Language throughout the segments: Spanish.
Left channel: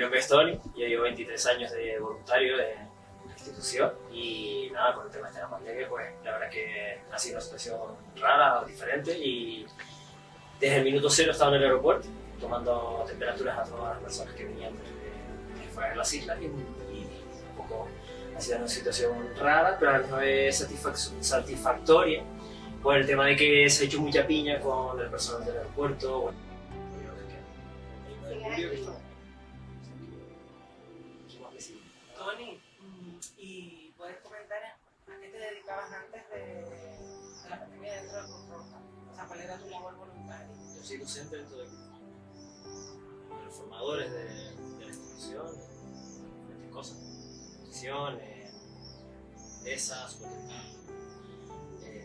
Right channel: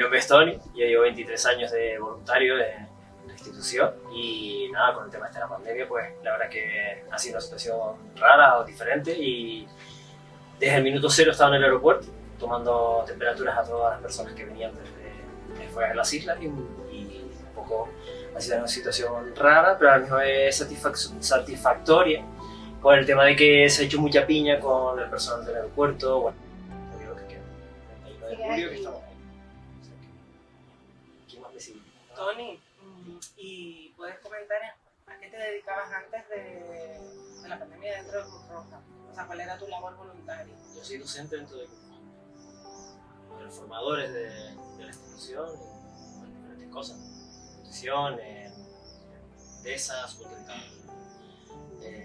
nombre es Tony, yo llevo 23 años de voluntario en la institución y nada, con el tema de la pandemia, pues la verdad que ha sido una situación rara o diferente y desde el minuto cero estaba en el aeropuerto tomando temperaturas a todas las personas que venían desde fuera de las islas y un poco ha sido una situación rara, pero a la misma vez satisfactoria por el tema de que se ha hecho mucha piña con el personal del aeropuerto, bueno, todo lo que queda. El 1 de julio que estamos ahí. ¿Quién más decide? Tony, ¿y puedes comentar a qué te dedicabas antes de la pandemia dentro de Cruz Roja? O sea, ¿cuál era tu labor voluntaria? Yo soy docente dentro de Cruz Roja. Los formadores de la institución, en diferentes cosas, nutrición, esa, sustentar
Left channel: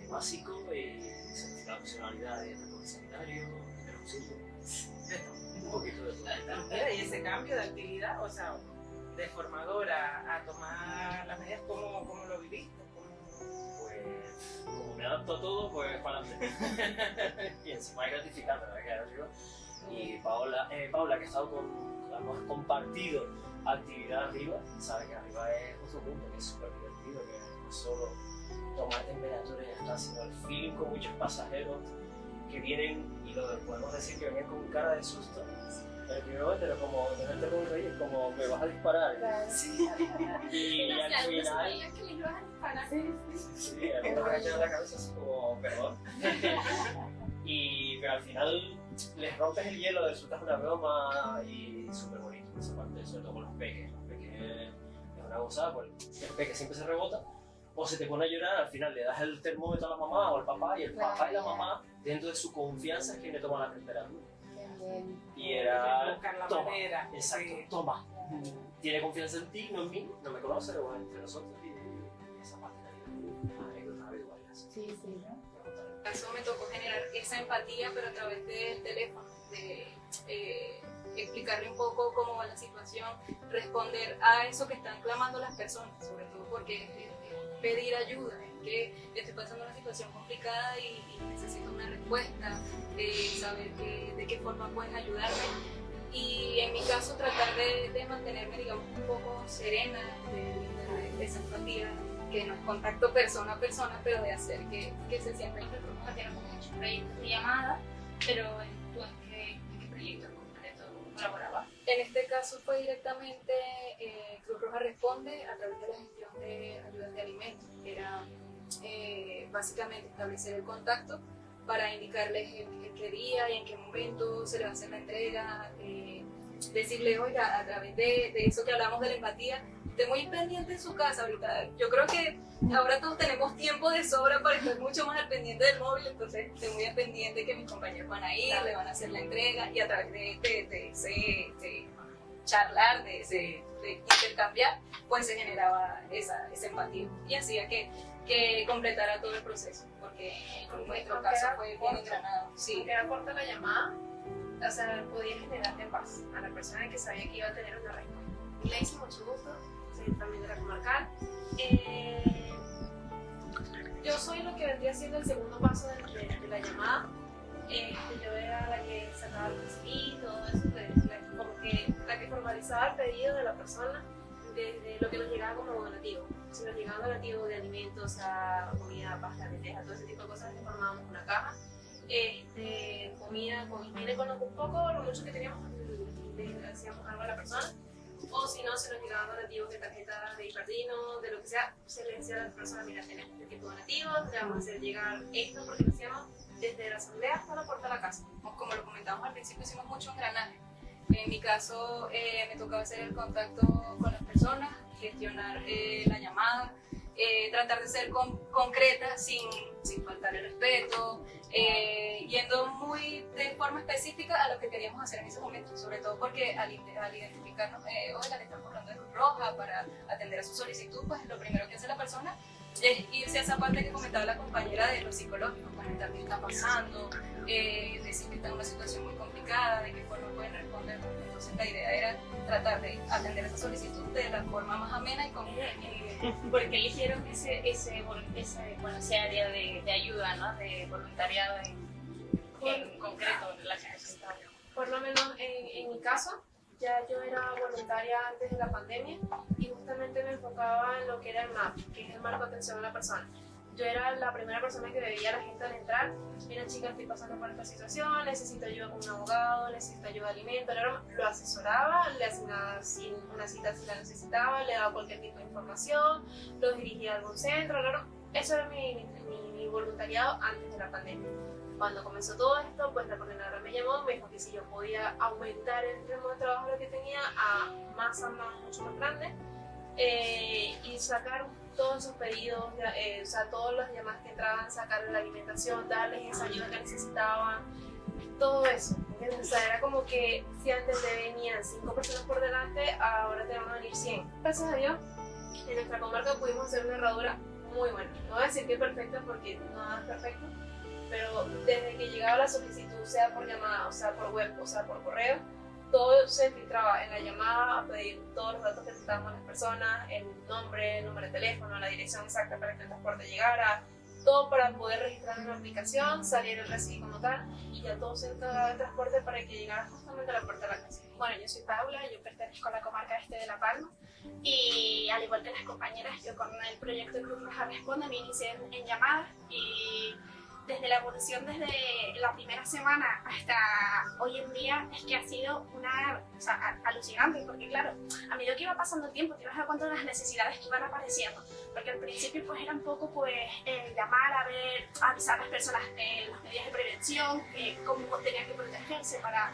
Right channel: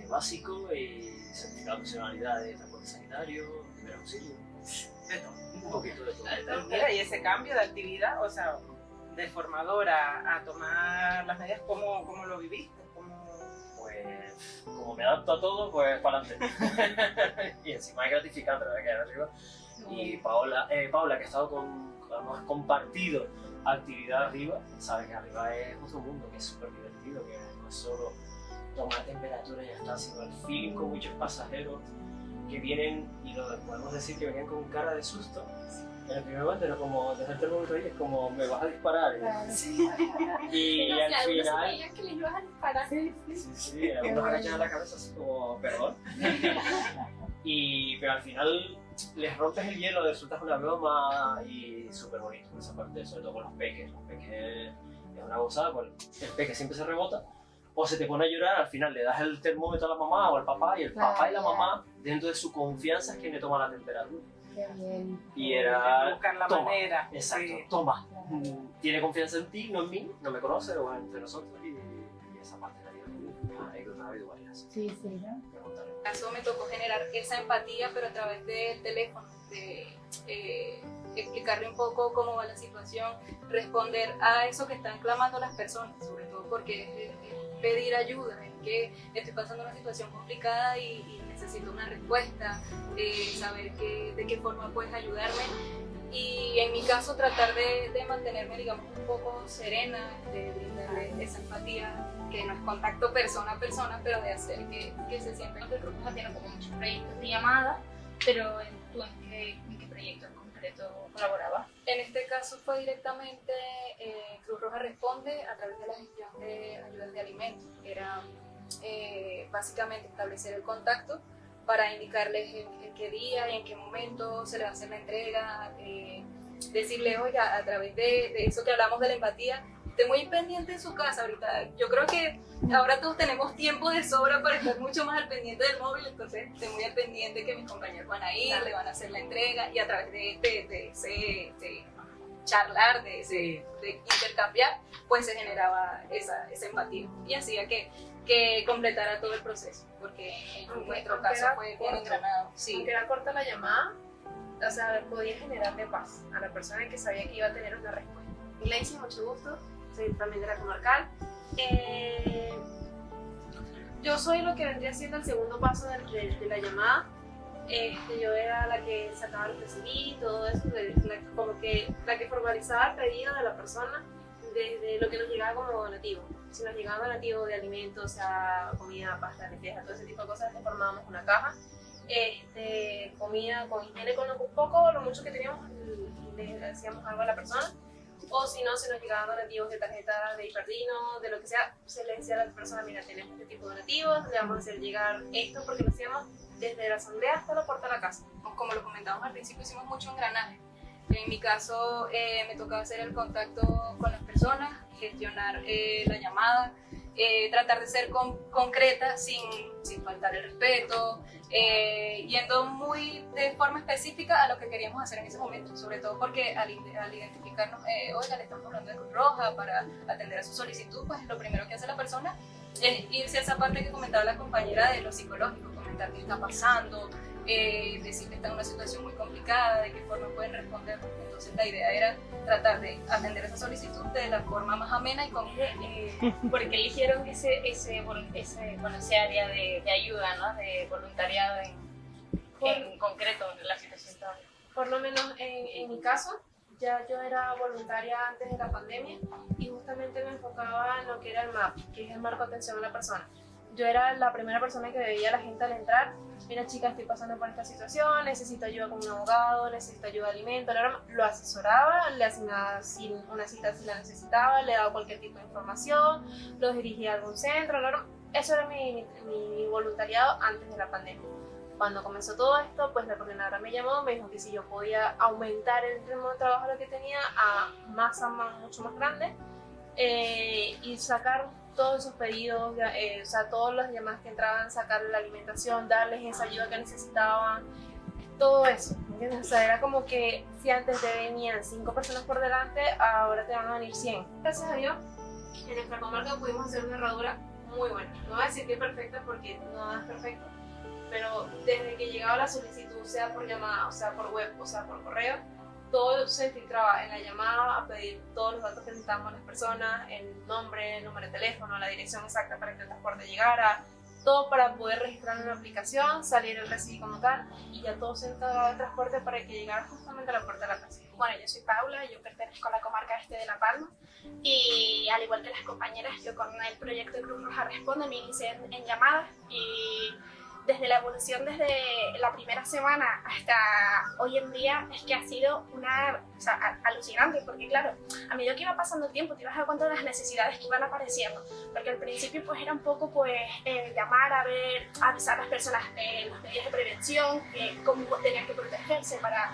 básico y certificado de funcionalidad de transporte sanitario, primer auxilio, de todo, un poquito de todo. Mira, y ese cambio de actividad, o sea, de formadora a tomar las medidas, ¿cómo lo viviste? Pues, como me adapto a todo, pues para adelante. Y encima es gratificante, la verdad, arriba. Y Paola, que ha estado hemos compartido actividad arriba, sabe que arriba es otro mundo, que es súper divertido, que no es solo tomar temperatura y ya está, sino el feeling con muchos pasajeros que vienen, y lo podemos decir que vienen con cara de susto. En el primer momento era como, desde el termómetro es como, me vas a disparar. Sí. Y No, al si algunos final... sabían que les ibas a disparar. Sí, algunos agachan en la cabeza así como, perdón. Pero al final les rompes el hielo, les sueltas una broma y súper bonito esa parte, sobre todo con los peques. Los peques es una gozada, porque el peque siempre se rebota o se te pone a llorar, al final le das el termómetro a la mamá o al papá y el papá y la mamá, dentro de su confianza, es quien le toma la temperatura. Y era... buscar la toma, manera. exacto, Sí. toma. Tiene confianza en ti, no en mí, no me conoce, o entre nosotros, y esa parte de la anécdota ha habido varias. Sí, sí, ¿no? En mi caso me tocó generar esa empatía, pero a través del teléfono, de explicarle un poco cómo va la situación, responder a eso que están clamando las personas, sobre todo porque pedir ayuda, es que estoy pasando una situación complicada y necesito una respuesta, saber de qué forma puedes ayudarme. Y en mi caso tratar de mantenerme, digamos, un poco serena, de brindarle esa empatía, que no es contacto persona a persona, pero de hacer que se sienta. Cruz Roja tiene como muchos proyectos de llamada, pero ¿tú en qué proyecto en concreto colaborabas? En este caso fue directamente Cruz Roja Responde a través de la gestión de ayudas de alimentos, que era básicamente establecer el contacto para indicarles en qué día y en qué momento se les va a hacer la entrega, decirles, oiga, a través de eso que hablamos de la empatía, esté muy pendiente en su casa ahorita. Yo creo que ahora todos tenemos tiempo de sobra para estar mucho más al pendiente del móvil, entonces estoy muy al pendiente que mis compañeros van a ir, le van a hacer la entrega y a través de ese charlar, de intercambiar, pues se generaba esa empatía y hacía que completara todo el proceso, porque en nuestro caso fue bien engranado. Sí. Aunque era corta la llamada, o sea, podía generarle paz a la persona que sabía que iba a tener una respuesta. Y le hice mucho gusto, soy también de la comarcal. Yo soy lo que vendría siendo el segundo paso de la llamada. Yo era la que sacaba los recibos, todo eso, como que la que formalizaba el pedido de la persona desde lo que nos llegaba como donativo. Si nos llegaba donativo de alimentos, a comida, pasta, lentejas, todo ese tipo de cosas, le formábamos una caja. Comida con higiene, con un poco, lo mucho que teníamos, le hacíamos algo a la persona. O si no, se nos llegaban donativos de tarjeta de Hiperdino, de lo que sea, se le decía a la persona, mira, tenemos este tipo de donativos, le vamos a hacer llegar esto, porque lo hacíamos desde la asamblea hasta la puerta de la casa. Como lo comentamos al principio, hicimos mucho engranaje. En mi caso, me tocaba hacer el contacto con las personas, gestionar la llamada, tratar de ser concreta sin faltar el respeto, yendo muy de forma específica a lo que queríamos hacer en ese momento, sobre todo porque al identificarnos, oiga, le estamos hablando de Cruz Roja para atender a su solicitud, pues lo primero que hace la persona es irse a esa parte que comentaba la compañera de lo psicológico, comentar qué está pasando, decir que está en una situación muy complicada, de qué forma pueden responder. Entonces la idea era tratar de atender esa solicitud de la forma más amena y con... ¿Por qué eligieron ese área de ayuda, ¿no? De voluntariado en concreto en la situación? Por lo menos en mi caso, ya yo era voluntaria antes de la pandemia y justamente me enfocaba en lo que era el MAP, que es el marco de atención a la persona. Yo era la primera persona que veía a la gente al entrar. Mira, chica, estoy pasando por esta situación, necesito ayuda con un abogado, necesito ayuda de alimento. Lo asesoraba, le asignaba una cita si la necesitaba, le daba cualquier tipo de información, lo dirigía a algún centro. Eso era mi voluntariado antes de la pandemia. Cuando comenzó todo esto, pues la coordinadora me llamó, me dijo que si yo podía aumentar el ritmo de trabajo que tenía a mucho más grande y sacar todos esos pedidos, o sea, todas las llamadas que entraban, sacarles la alimentación, darles esa ayuda que necesitaban, todo eso, ¿entiendes? O sea, era como que si antes te venían 5 personas por delante, ahora te van a venir 100. Gracias a Dios, en nuestra comarca pudimos hacer una herradura muy buena. No voy a decir que es perfecta porque nada es perfecto, pero desde que llegaba la solicitud, sea por llamada, o sea por web, o sea por correo, todo se filtraba en la llamada a pedir todos los datos que necesitábamos las personas, el nombre, el número de teléfono, la dirección exacta para que el transporte llegara, todo para poder registrar en la aplicación, salir el recibo como tal y ya todo se encargaba de transporte para que llegara justamente a la puerta de la casa. Bueno, yo soy Paula, yo pertenezco a la comarca este de La Palma y al igual que las compañeras, yo con el proyecto Cruz Roja Responde me inicié en llamadas y desde la evolución, desde la primera semana hasta hoy en día, es que ha sido alucinante, porque claro, a medida que iba pasando el tiempo te ibas dando cuenta de las necesidades que iban apareciendo, porque al principio pues era un poco pues llamar a ver, avisar a las personas las medidas de prevención, cómo tenían que protegerse para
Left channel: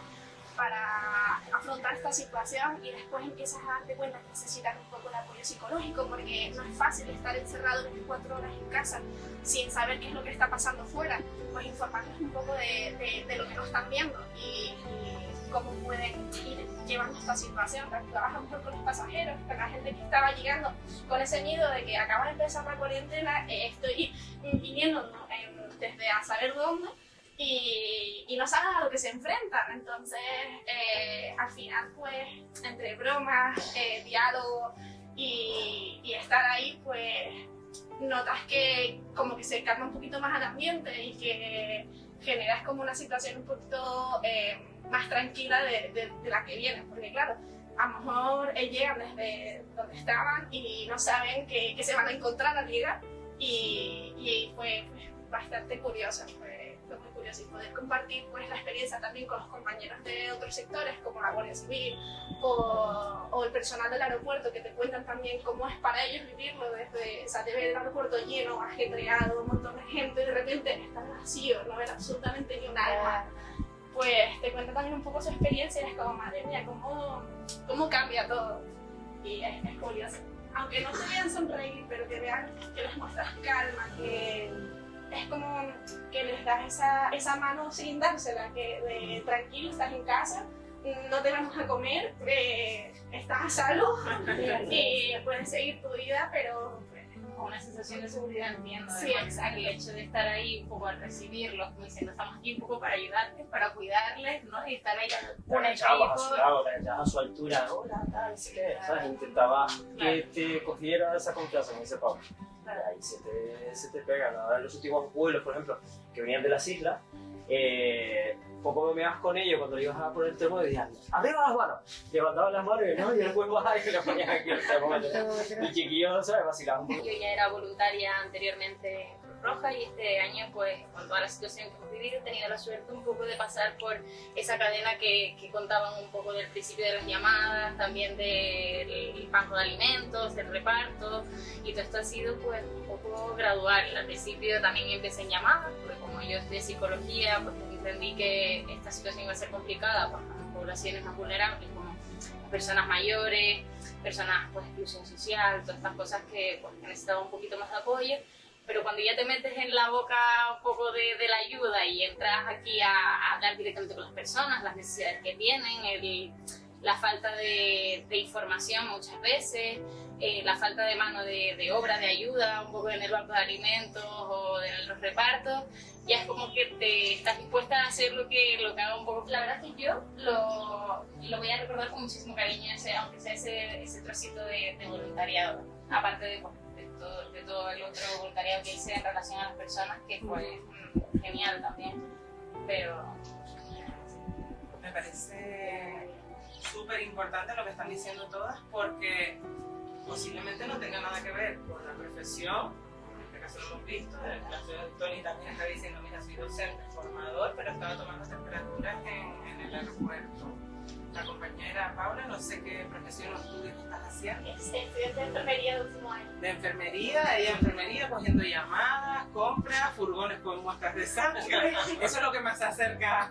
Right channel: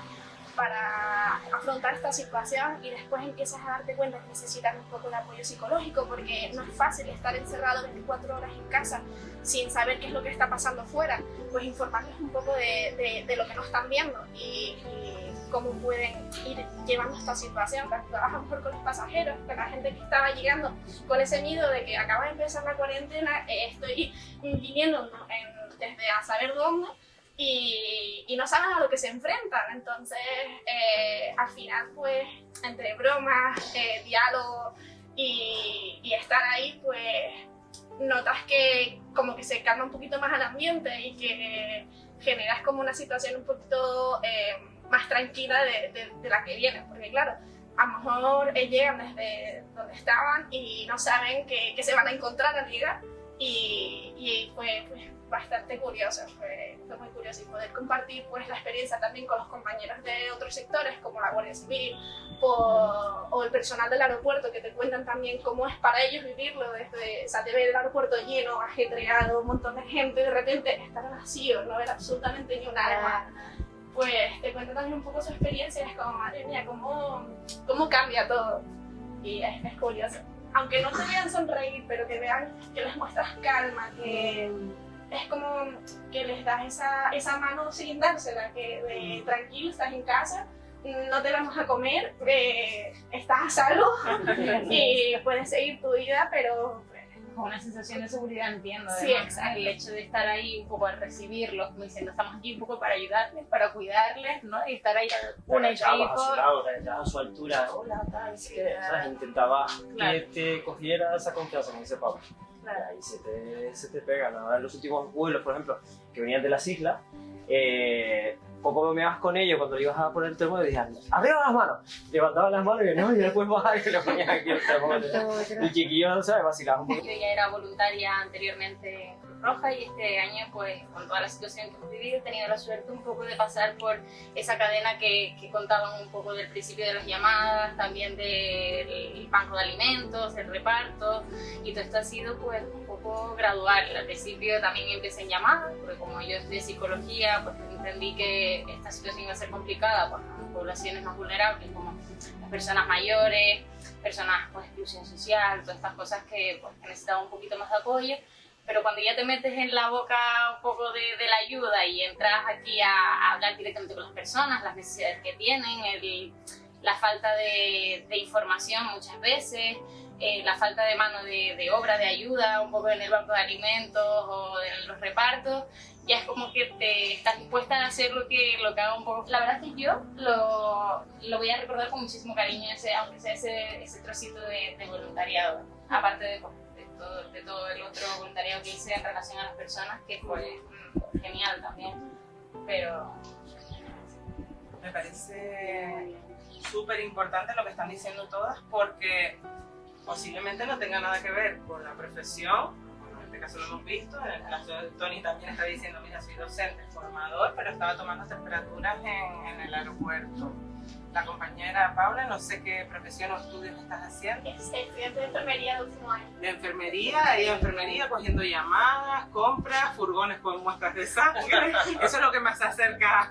afrontar esta situación y después empiezas a darte cuenta que necesitas un poco de apoyo psicológico porque no es fácil estar encerrado 24 horas en casa sin saber qué es lo que está pasando fuera, pues informarles un poco de lo que no están viendo y cómo pueden ir llevando esta situación. Trabajan mejor con los pasajeros, con la gente que estaba llegando con ese miedo de que acaba de empezar la cuarentena, estoy viniendo desde a saber dónde y no saben a lo que se enfrentan. Entonces al final pues entre bromas, diálogo y estar ahí pues notas que como que se calma un poquito más el ambiente y que generas como una situación un poquito más tranquila de la que viene, porque claro, a lo mejor llegan desde donde estaban y no saben que se van a encontrar al llegar y fue pues, bastante curioso, fue muy curioso y poder compartir pues la experiencia también con los compañeros de otros sectores como la Guardia Civil o el personal del aeropuerto que te cuentan también cómo es para ellos vivirlo desde, o sea, de ver el aeropuerto lleno, ajetreado, un montón de gente, de repente estar vacío, no ver absolutamente ni un alma. Pues te cuentan también un poco su experiencia y es como, madre mía, cómo cambia todo. Y es curioso. Aunque no te vean sonreír, pero que vean que les muestras calma, que es como que les das esa mano sin dársela, que de tranquilo, estás en casa, no te vamos a comer, estás a salvo y puedes seguir tu vida, pero Con una sensación de seguridad, entiendo. Sí, además, exacto. el hecho de estar ahí un poco, de recibirlos, como diciendo, estamos aquí un poco para ayudarles, para cuidarles, ¿no? Y estar ahí Te un agachabas a equipo. su lado, te agachabas a su altura, hola, tal, así que, ¿sabes? Intentaba que te cogiera esa confianza en ese pavo. Claro. Ahí se te pega, ¿no? En los últimos vuelos, por ejemplo, que venían de las islas, poco me ibas con ellos cuando le ibas a poner el termómetro y decían, ¡arriba las manos! Levantaban las manos y no, y después bajar y lo ponían aquí el termómetro. Y chiquillos, ¿sabes? Vacilaban un poco. Yo ya era voluntaria anteriormente en Cruz Roja y este año, pues, con toda la situación que hemos vivido, he tenido la suerte un poco de pasar por esa cadena que contaban un poco del principio de las llamadas, también del banco de alimentos, del reparto, y todo esto ha sido, pues, un poco gradual. Al principio también empecé en llamadas, porque como yo de psicología, pues, entendí que esta situación iba a ser complicada para las poblaciones más vulnerables, como las personas mayores, personas con exclusión social, todas estas cosas que pues, necesitaban un poquito más de apoyo, pero cuando ya te metes en la boca un poco de la ayuda y entras aquí a hablar directamente con las personas, las necesidades que tienen, la falta de información muchas veces, la falta de mano de obra, de ayuda, un poco en el banco de alimentos o en los repartos, ya es como que te estás dispuesta a hacer lo que haga un poco. La verdad es que yo lo voy a recordar con muchísimo cariño, aunque sea ese trocito de voluntariado, aparte de todo el otro voluntariado que hice en relación a las personas, que fue genial también, pero... Me parece súper importante lo que están diciendo todas porque posiblemente no tenga nada que ver con la profesión. En este caso lo hemos visto, en el caso de Tony también está diciendo, mira, soy docente, formador, pero estaba tomando temperaturas en el aeropuerto. La compañera Paula, no sé qué profesión o estudios estás haciendo. Estudiante de enfermería de último año. De enfermería, ella enfermería, cogiendo llamadas, compras, furgones con muestras de sangre. Eso es lo que más se acerca.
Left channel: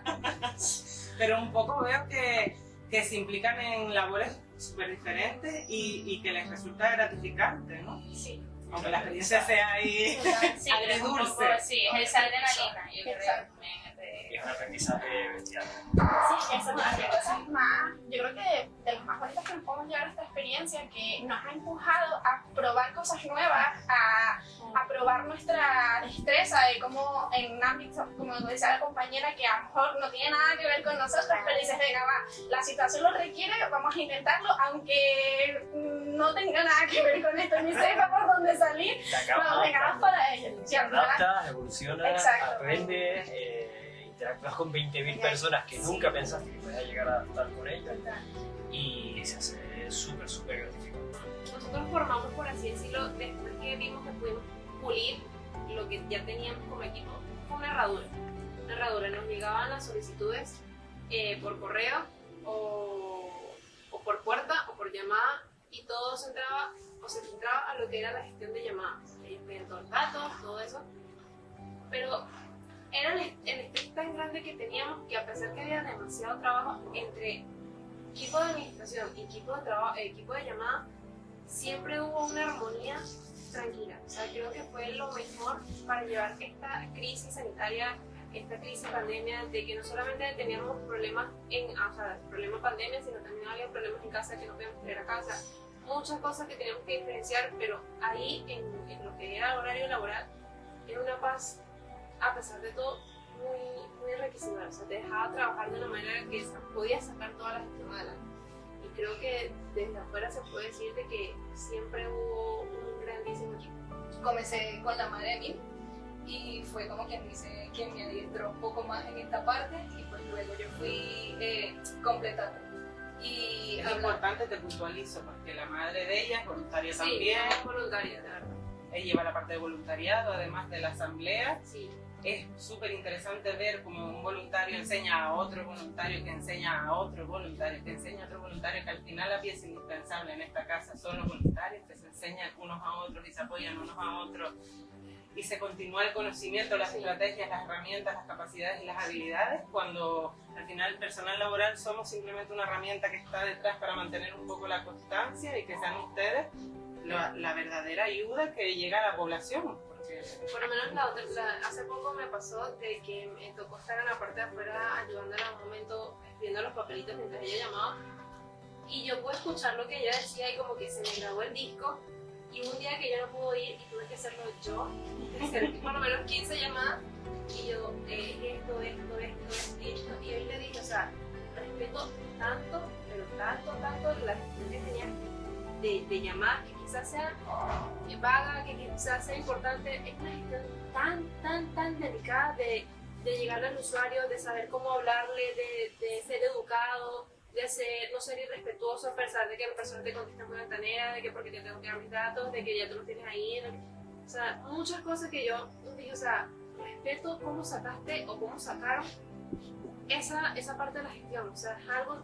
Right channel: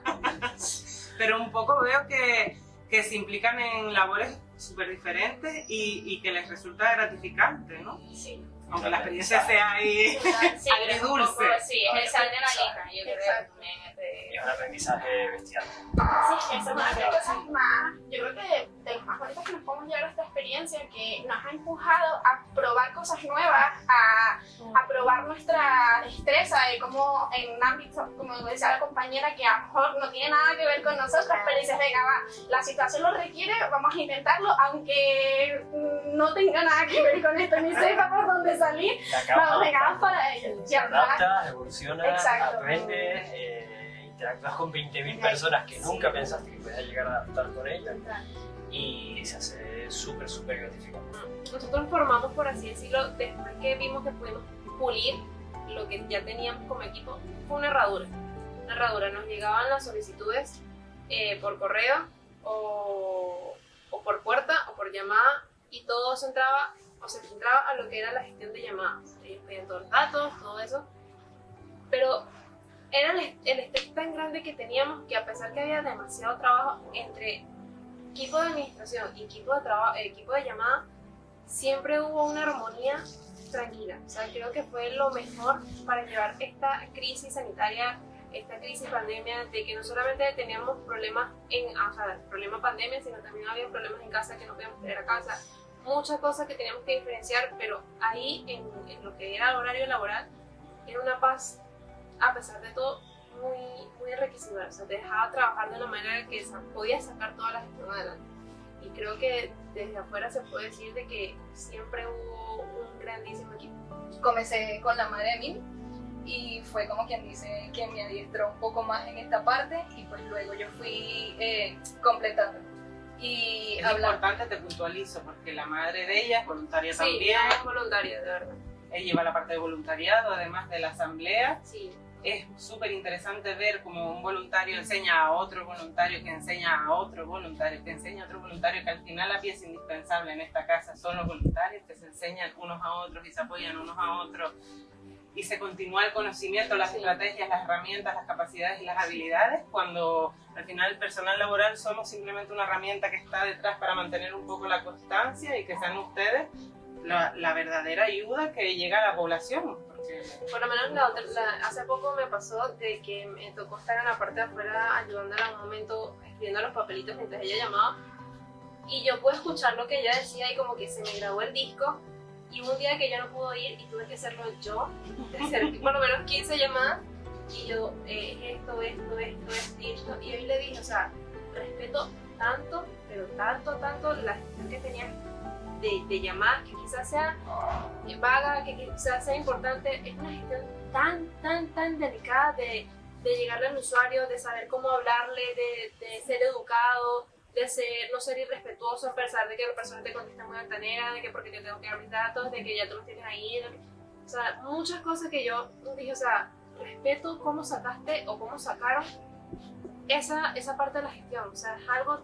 Pero un poco veo que se implican en labores súper diferentes y que les resulta gratificante, ¿no? Sí. Aunque la experiencia sea ahí Sí, agridulce. sí, es esa adrenalina, yo creo que también es Y es un aprendizaje bestial. Sí, eso es una de las cosas más, yo creo que de los más bonitos que nos podemos llevar a esta experiencia, que nos ha empujado a probar cosas nuevas, a probar nuestra destreza de cómo en ámbitos, como decía la compañera, que a lo mejor no tiene nada que ver con nosotros, pero dices, venga, va, la situación lo requiere, vamos a intentarlo, aunque no tenga nada que ver con esto, ni sepa por dónde salir, vamos, venga, vamos para ello. Se adapta, evoluciona, Exacto. aprende, interactúas con 20.000 personas que nunca pensaste que podías llegar a adaptar con ellos y se hace súper, súper gratificante. Nosotros formamos, por así decirlo, después que vimos que pudimos pulir lo que ya teníamos como equipo, fue una herradura. Una herradura, nos llegaban las solicitudes por correo o por puerta o por llamada y todo se entraba a lo que era la gestión de llamadas, todos los datos, todo eso. Pero era el estrés tan grande que teníamos que a pesar que había demasiado trabajo entre equipo de administración y equipo de llamada, siempre hubo una armonía tranquila. O sea, creo que fue lo mejor para llevar esta crisis sanitaria, esta crisis pandemia, de que no solamente teníamos problemas problema pandemia, sino también había problemas en casa que no podíamos tener a casa, muchas cosas que teníamos que diferenciar, pero ahí en lo que era el horario laboral era una paz, a pesar de todo, muy, muy enriquecedora. O sea, te dejaba trabajar de una manera que podías sacar toda la gestión adelante. Y creo que desde afuera se puede decir de que siempre hubo un grandísimo equipo. Comencé con la madre de mí y fue como quien dice, quien me adiestró un poco más en esta parte y pues luego yo fui completando. Y Es importante, te puntualizo, porque la madre de ella es voluntaria Sí, también. es voluntaria, de verdad. Ella lleva la parte de voluntariado, además de la asamblea. Sí. Es súper interesante ver cómo un voluntario enseña a otro voluntario, que enseña a otro voluntario, que enseña a otro voluntario, que al final la pieza indispensable en esta casa son los voluntarios, que se enseñan unos a otros y se apoyan unos a otros. Y se continúa el conocimiento, las estrategias, las herramientas, las capacidades y las habilidades, cuando al final el personal laboral somos simplemente una herramienta que está detrás para mantener un poco la constancia y que sean ustedes la verdadera ayuda que llega a la población. Porque Por lo menos hace poco me pasó de que me tocó estar en la parte de afuera ayudándola en un momento escribiendo los papelitos mientras ella llamaba y yo pude escuchar lo que ella decía y como que se me grabó el disco y un día que yo no pude ir y tuve que hacerlo yo, de hacer por lo menos 15 llamadas y yo esto y hoy le dije, o sea, respeto tanto, pero tanto la gestión que tenía de llamadas que quizás sea vaga, que quizás sea importante, es una gestión tan delicada de llegarle al usuario, de saber cómo hablarle, de ser educado, de no ser irrespetuoso a pesar de que la persona te contesta muy altanera, de que porque te tengo que abrir datos, de que ya tú los tienes ahí, o sea, muchas cosas que yo dije, o sea, respeto cómo sacaste o cómo sacaron esa parte de la gestión, o sea, es algo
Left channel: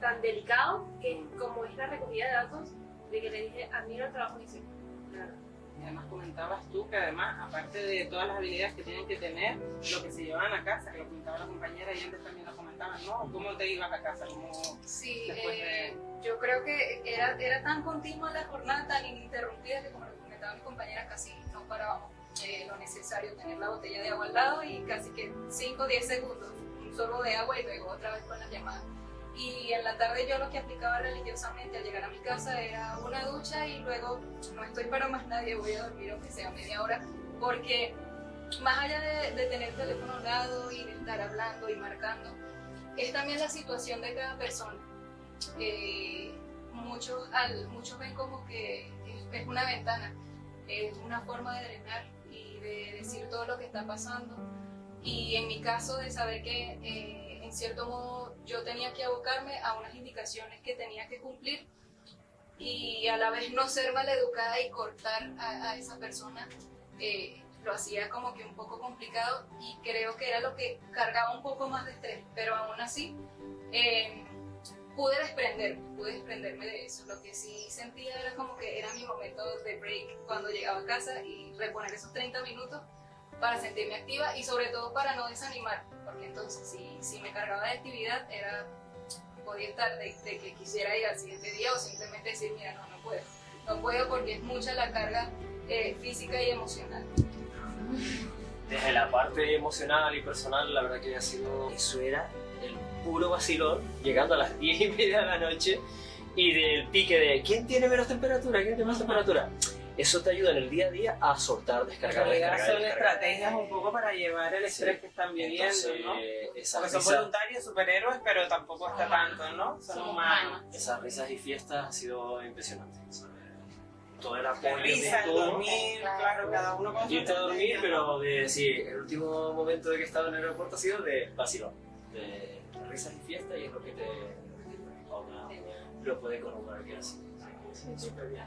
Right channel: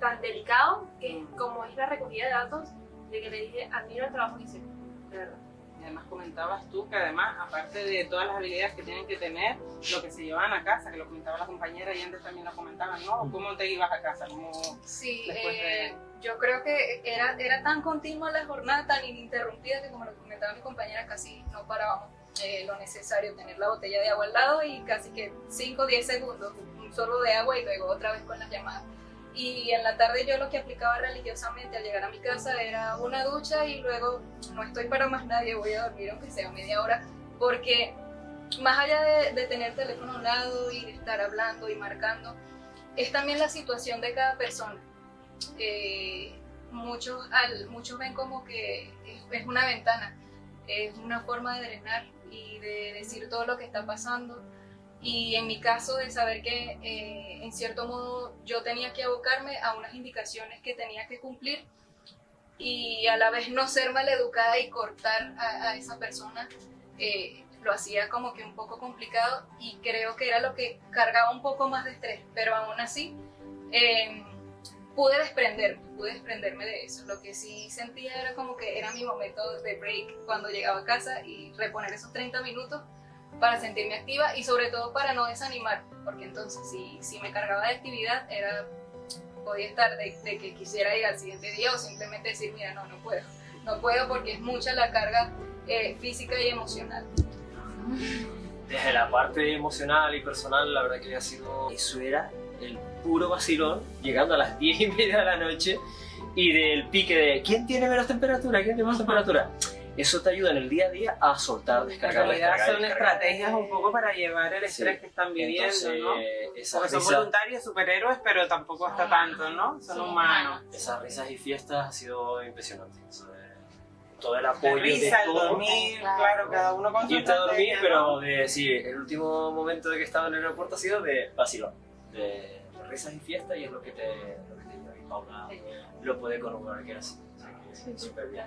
tan delicado que como es la recogida de datos, de que le dije, admiro el trabajo que hiciste, de verdad. y además comentabas tú que además, aparte de todas las habilidades que tienen que tener, lo que se llevaban a casa, que lo comentaba la compañera y antes también lo comentaban, ¿no? ¿Cómo te ibas a casa? sí, Después de- yo creo que era tan continua la jornada, tan ininterrumpida que como lo comentaba mi compañera, casi no parábamos. Lo necesario, tener la botella de agua al lado y casi que 5 o 10 segundos, un sorbo de agua y luego otra vez con las llamadas. Y en la tarde yo lo que aplicaba religiosamente al llegar a mi casa era una ducha y luego no estoy para más nadie, voy a dormir aunque sea media hora, porque más allá de tener teléfono a un lado y de estar hablando y marcando, es también la situación de cada persona. Muchos ven como que es una ventana, es una forma de drenar y de decir todo lo que está pasando. Y en mi caso, de saber que en cierto modo yo tenía que abocarme a unas indicaciones que tenía que cumplir y a la vez no ser maleducada y cortar a esa persona lo hacía como que un poco complicado y creo que era lo que cargaba un poco más de estrés, pero aún así pude desprenderme de eso. Lo que sí sentía era como que era mi momento de break cuando llegaba a casa y reponer esos 30 minutos para sentirme activa y sobre todo para no desanimar, porque entonces si me cargaba de actividad podía estar de que quisiera ir al siguiente día o simplemente decir, mira, no puedo porque es mucha la carga física y emocional. Desde la parte emocional y personal, la verdad que ha sido, eso era el puro vacilón, llegando a las 10:30 de la noche y del pique de ¿quién tiene menos temperatura? ¿Quién tiene más temperatura? Eso te ayuda en el día a día a soltar, En descargar, realidad descargar, son descargar. estrategias un poco para llevar el estrés Sí. que están viviendo, Entonces, ¿no? esas Porque son risas- voluntarios, superhéroes, pero tampoco está tanto, ¿no? Son humanos. esas risas y fiestas ha sido impresionante. Todo el apoyo La risa, de el todo. dormir, claro, cada uno con su Irte a dormir, estrategia, pero ¿no? sí, el último momento de que estaba en el aeropuerto ha sido de vacilón, de risas y fiestas y es lo que te trae. Paula lo puede corroborar que era así. Sí, súper bien.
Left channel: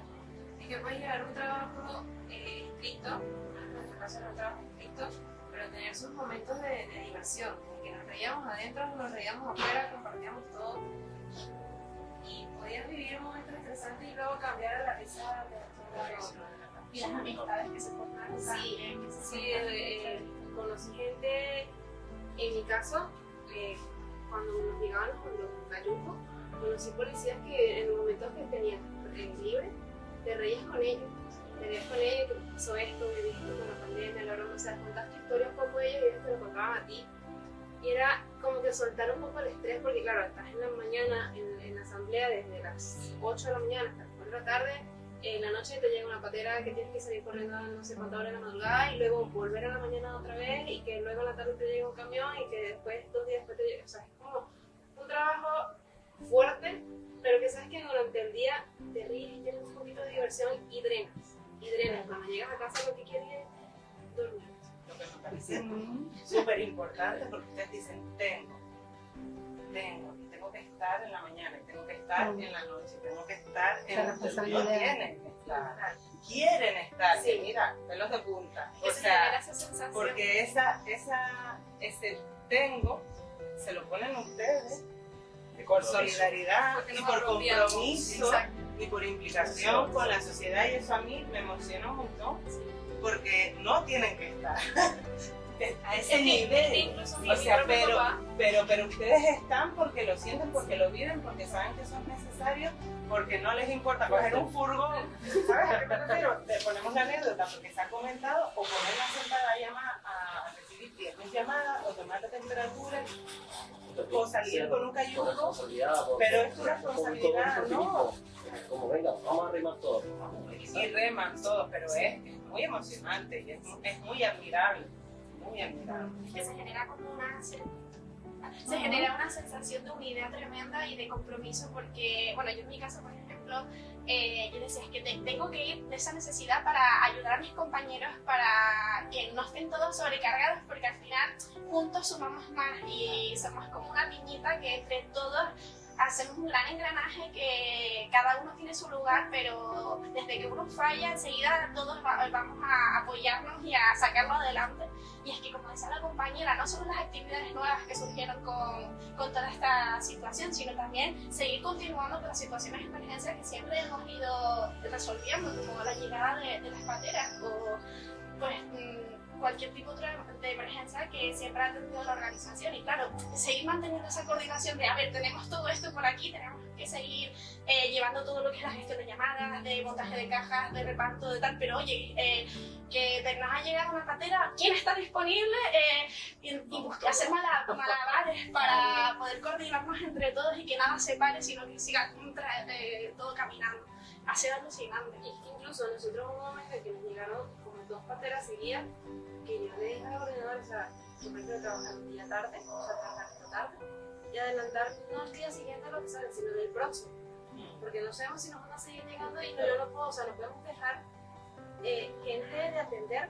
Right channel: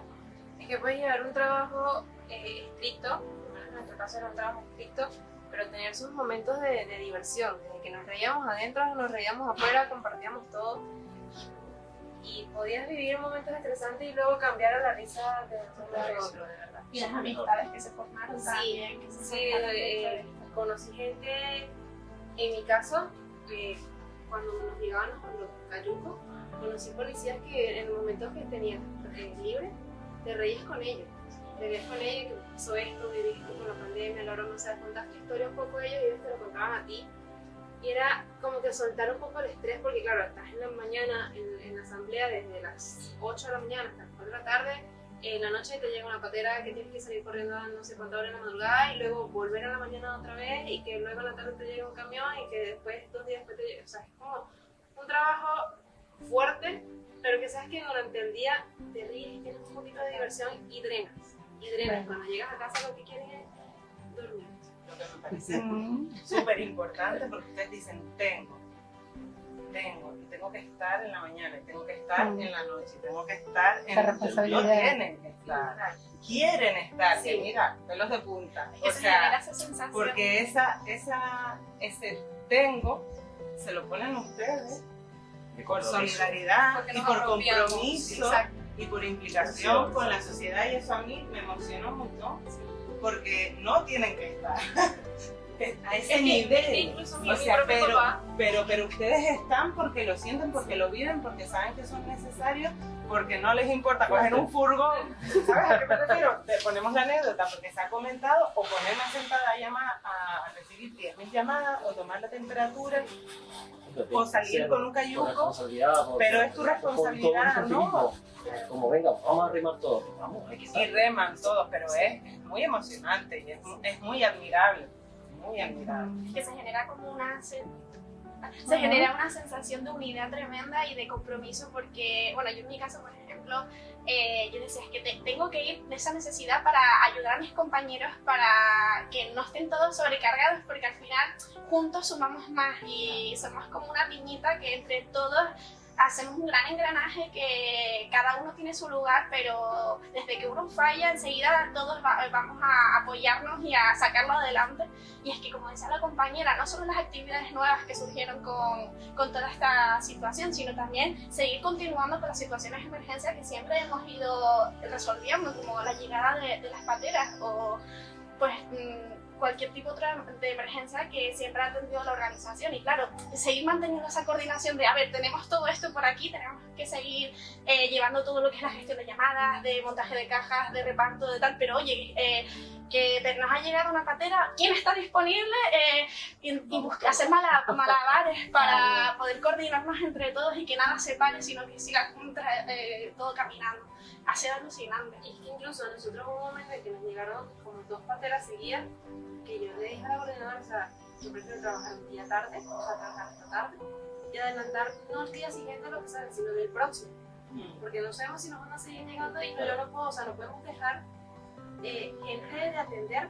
Es que puedes llevar un trabajo estricto, en nuestro caso era un trabajo estricto, pero tener sus momentos de diversión, de que nos reíamos adentro, nos reíamos afuera, compartíamos todo. Y podías vivir momentos estresantes y luego cambiar a la risa de un lado a otro, de verdad. Y las amistades que se formaron también. Que se Sí, conocí gente, en mi caso, cuando nos llegaban los cayucos, conocí policías que en el momento que tenían libre, te reías con ellos. Te reías con ellos, que pasó esto, viviste con la pandemia, la broma, o sea, contaste historias un poco de ellos y ellos te lo contaban a ti. Y era como que soltar un poco el estrés, porque claro, estás en la mañana en la asamblea desde las 8 de la mañana hasta las 4 de la tarde, en la noche te llega una patera que tienes que salir corriendo a no sé cuánta hora en la madrugada y luego volver a la mañana otra vez y que luego en la tarde te llega un camión y que después 2 días después te llega, o sea, es como un trabajo fuerte, pero que sabes que durante el día te ríes, tienes un poquito de diversión y drenas. Cuando llegas a casa lo que quieres es dormir. Lo que me parece súper importante porque ustedes dicen tengo que estar en la mañana, tengo que estar en la noche, tengo que estar en Esa responsabilidad. quieren estar, Sí. y mira, pelos de punta. que O se sea, genera esa sensación. porque ese tengo se lo ponen ustedes por solidaridad Porque y nos por apropiamos. compromiso Exacto. y por implicación con la sociedad, y eso a mí me emociona un montón porque no tienen que estar a ese Es que nivel. incluso mi O sea, propio papá, pero ustedes están porque lo sienten, porque lo viven, porque saben que son necesarios, porque no les importa coger un furgón. ¿Sabes a qué me refiero? Te ponemos la anécdota porque se ha comentado, o ponernos sentada a llamar a recibir 10.000 llamadas, o tomar la temperatura, o salir con un cayuco, pero es tu responsabilidad, ¿no? Como venga, vamos a remar todos. Vamos, hay que Y estar. reman todos, pero es muy emocionante y es muy admirable. Muy admirable. que se genera como se genera una sensación de unidad tremenda y de compromiso porque, bueno, yo en mi caso, por ejemplo, yo decía que tengo que ir de esa necesidad para ayudar a mis compañeros para que no estén todos sobrecargados porque al final juntos sumamos más y somos como una piñita que entre todos hacemos un gran engranaje que cada uno tiene su lugar, pero desde que uno falla enseguida todos vamos a apoyarnos y a sacarlo adelante. Y es que, como decía la compañera, no solo las actividades nuevas que surgieron con toda esta situación, sino también seguir continuando con las situaciones de emergencia que siempre hemos ido resolviendo, como la llegada de las pateras o pues cualquier tipo de emergencia que siempre ha tenido la organización. Y claro, seguir manteniendo esa coordinación de, a ver, tenemos todo esto por aquí, tenemos que seguir llevando todo lo que es la gestión de llamadas, de montaje de cajas, de reparto, de tal, pero oye, que nos ha llegado una patera, ¿quién está disponible? Y hacer malabares para poder coordinarnos entre todos y que nada se pare, sino que siga todo caminando. Ha sido alucinante. Es que incluso nosotros hubo un momento en que nos llegaron como 2 pateras seguidas que yo le dije a la coordinadora, o sea, yo prefiero trabajar un día tarde, o sea, trabajar hasta tarde, y adelantar no el día siguiente lo que sale, sino del próximo. Porque no sabemos si nos van a seguir llegando y yo no puedo, o sea, no podemos dejar que en vez de atender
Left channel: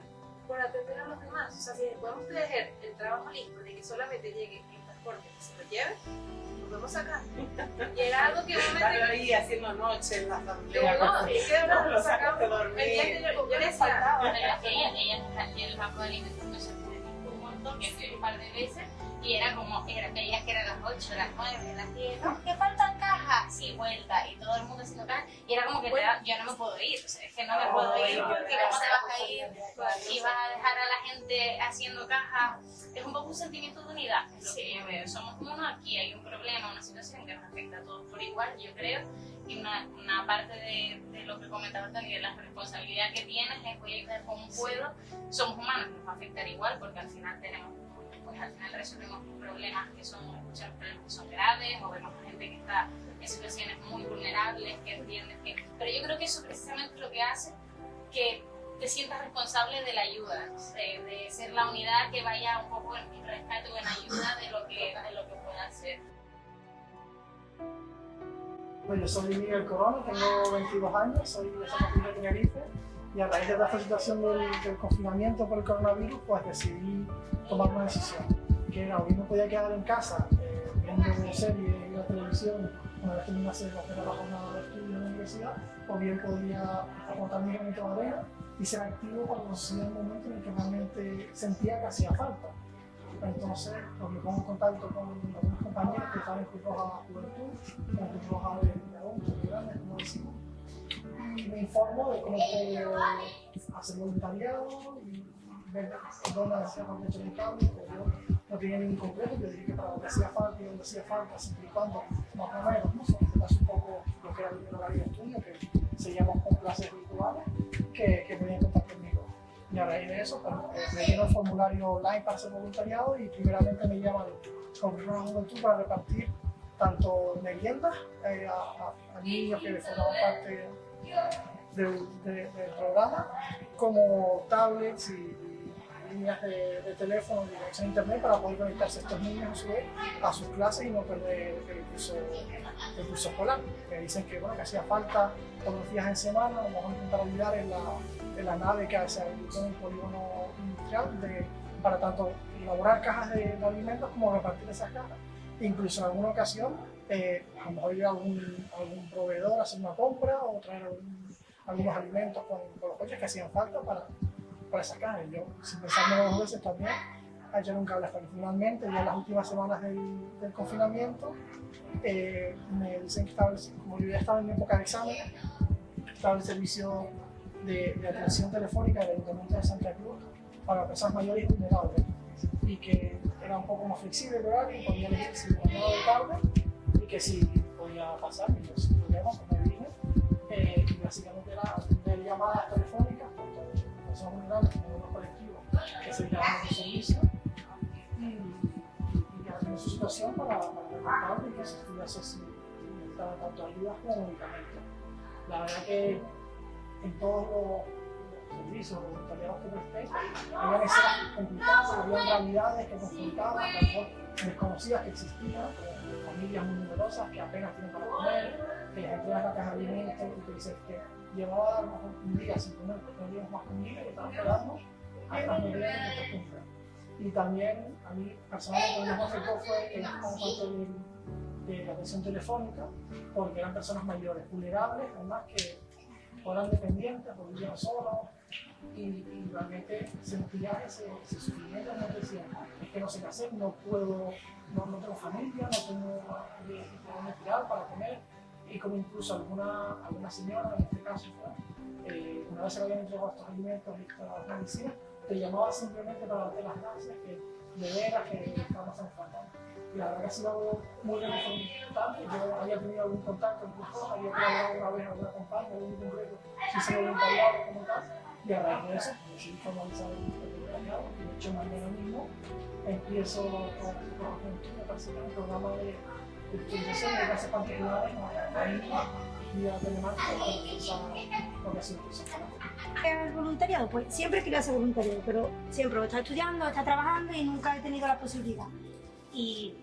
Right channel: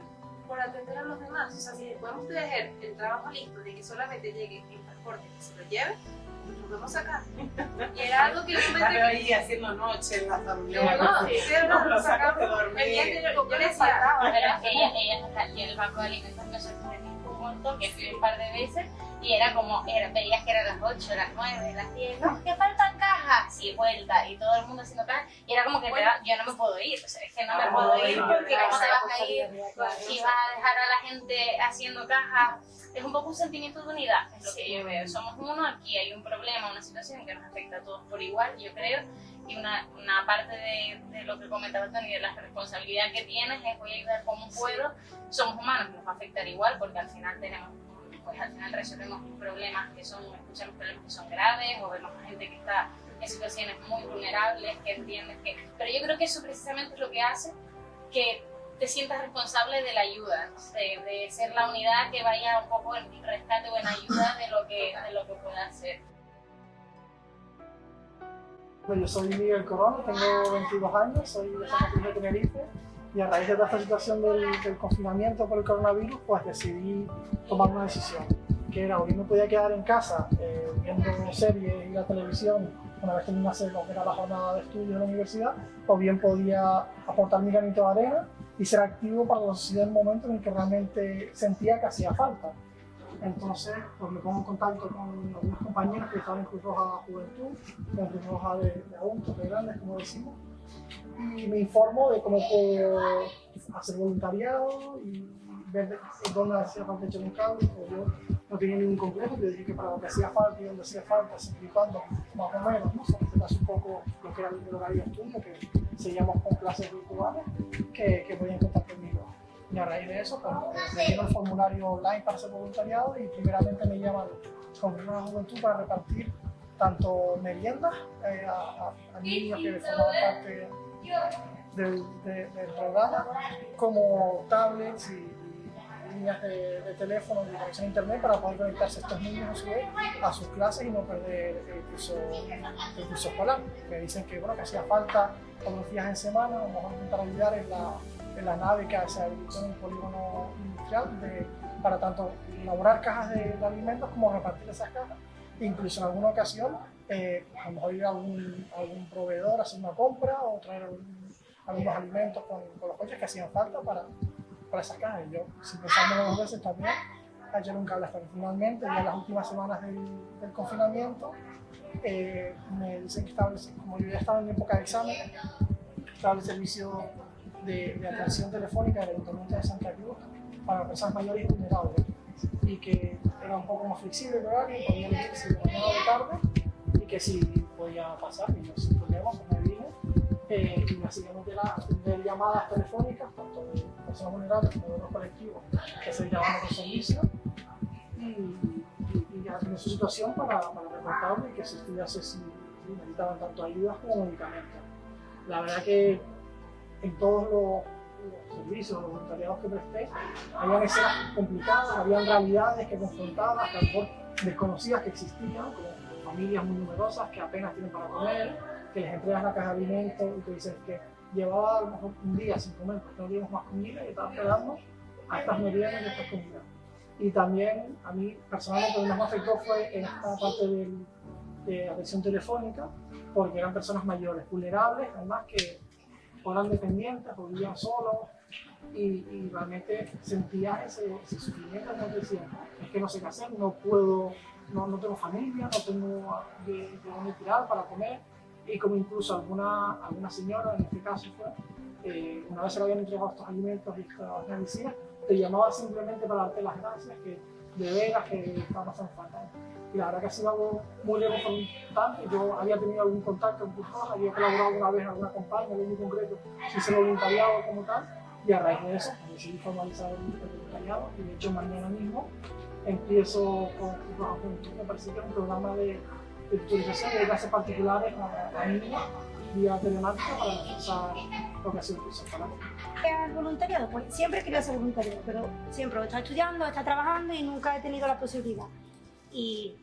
por atender a los demás. O sea, si podemos tener el trabajo listo de que solamente llegue el transporte y se lo lleve, nos vamos a sacar. Y era algo que yo Estar comenté. ahí haciendo noche en la asamblea. No, sí, No, lo lo sacas de sacamos. dormir. El día anterior, yo Pero decía, ella en el banco de alimentos me sorprendió un montón, que fui un par de veces y era como, veías que eran las 8, las 9, las 10, no, que faltan cajas, y vuelta, y todo el mundo haciendo cajas, y era como que yo no me puedo ir, o sea, es que no me puedo ir porque cómo te vas a ir y vas a dejar a la gente haciendo cajas. Es un poco un sentimiento de unidad, es lo que yo veo. Somos uno, aquí hay un problema, una situación que nos afecta a todos por igual, yo creo, y una parte de lo que comentaba Tony, de la responsabilidad que tienes es voy a ayudar como puedo. Somos humanos, nos va a afectar igual porque al final resolvemos problemas que escuchamos problemas que son graves, o vemos gente que está en situaciones muy vulnerables, que entiendes que... Pero yo creo que eso precisamente es lo que hace que te sientas responsable de la ayuda, de ser la unidad que vaya un poco en rescate o en ayuda de lo que pueda hacer. Yo soy Miguel Corona, tengo 22 años, soy de San Martín de Tenerife, y a raíz de toda esta situación del confinamiento por el coronavirus, pues decidí tomar una decisión, que era o bien me podía quedar en casa viendo series y la televisión una vez terminase lo que era la jornada de estudio en la universidad, o bien podía aportar mi granito de arena y ser activo para la sociedad en el momento en el que realmente sentía que hacía falta. Entonces, pues me pongo en contacto con algunos compañeros que estaban en Cruz Roja Juventud, con Cruz Roja de adultos, de grandes, como decimos, y me informo de cómo puedo hacer voluntariado y ver dónde hacía falta echar un cable. Yo no tenía ningún complejo, yo dije que para lo que hacía falta y donde hacía falta, siempre y cuando, más o menos, ¿no? En este caso un poco lo que era el horario de estudio, que seguíamos con clases virtuales, que podían contar conmigo. Y a raíz de eso, pues, relleno el formulario online para hacer voluntariado y primeramente me llaman con una juventud para repartir tanto meriendas a niños que formaban parte del programa, como tablets y líneas de teléfono y conexión a internet para poder conectarse estos niños a su vez a sus clases y no perder el curso escolar. Me dicen que, bueno, que hacía falta unos días en semana, vamos a intentar ayudar en la nave que se habilitó en el polígono industrial para tanto elaborar cajas de alimentos como repartir esas cajas. Incluso en alguna ocasión, a lo mejor ir a algún proveedor a hacer una compra o traer algunos alimentos con los coches que hacían falta para esas cajas. Yo, sin pensármelo dos veces también, ayer un cable hasta que finalmente, ya en las últimas semanas del confinamiento, me dicen que como yo ya estaba en época de examen, estaba el servicio de atención telefónica del Ayuntamiento de Santa Cruz para personas mayores y vulnerables, y que era un poco más flexible el horario, podía elegir si de mañana o de tarde, y que si podía pasar, y yo sin problema pues me vine, y básicamente era atender llamadas telefónicas, tanto de personas vulnerables como de los colectivos que se llamaban por servicio, y atender su situación para reportarlo y que se estudiase si necesitaban tanto ayudas como medicamentos. La verdad que en todos los servicios, los voluntariados que presté, habían escenas complicadas, habían realidades que confrontaban, hasta a lo mejor desconocidas que existían, como familias muy numerosas que apenas tienen para comer, que les entregas la caja de alimentos y que dices que llevaba a lo mejor un día sin comer porque no teníamos más comida y estaba esperando a estas meriendas y estas comidas. Y también a mí personalmente lo que más me afectó fue esta parte de atención telefónica, porque eran personas mayores, vulnerables, además que eran dependientes o vivían solos, y realmente sentía ese sufrimiento, como decía, es que no sé qué hacer, no puedo, no tengo familia, no tengo de dónde tirar para comer, y como incluso alguna señora, en este caso fue, una vez se le habían entregado estos alimentos y estas medicinas, te llamaba simplemente para darte las gracias, que de veras que estaba pasando falta. Y la verdad que ha sido algo muy reconfortante. Yo había tenido algún contacto en Cruz Roja, había colaborado una vez en alguna campaña, en algún concreto, si hice voluntariado como tal, y a raíz de eso decidí formalizar el voluntariado, y de hecho mañana mismo empiezo con Cruz Roja Juventud, me parece que es un programa de tutorización de clases particulares a niños vía telemática para reforzar lo que ha sido el curso escolar. El voluntariado, pues siempre quería ser voluntario, pero siempre está estudiando, está trabajando y nunca he tenido la posibilidad. Y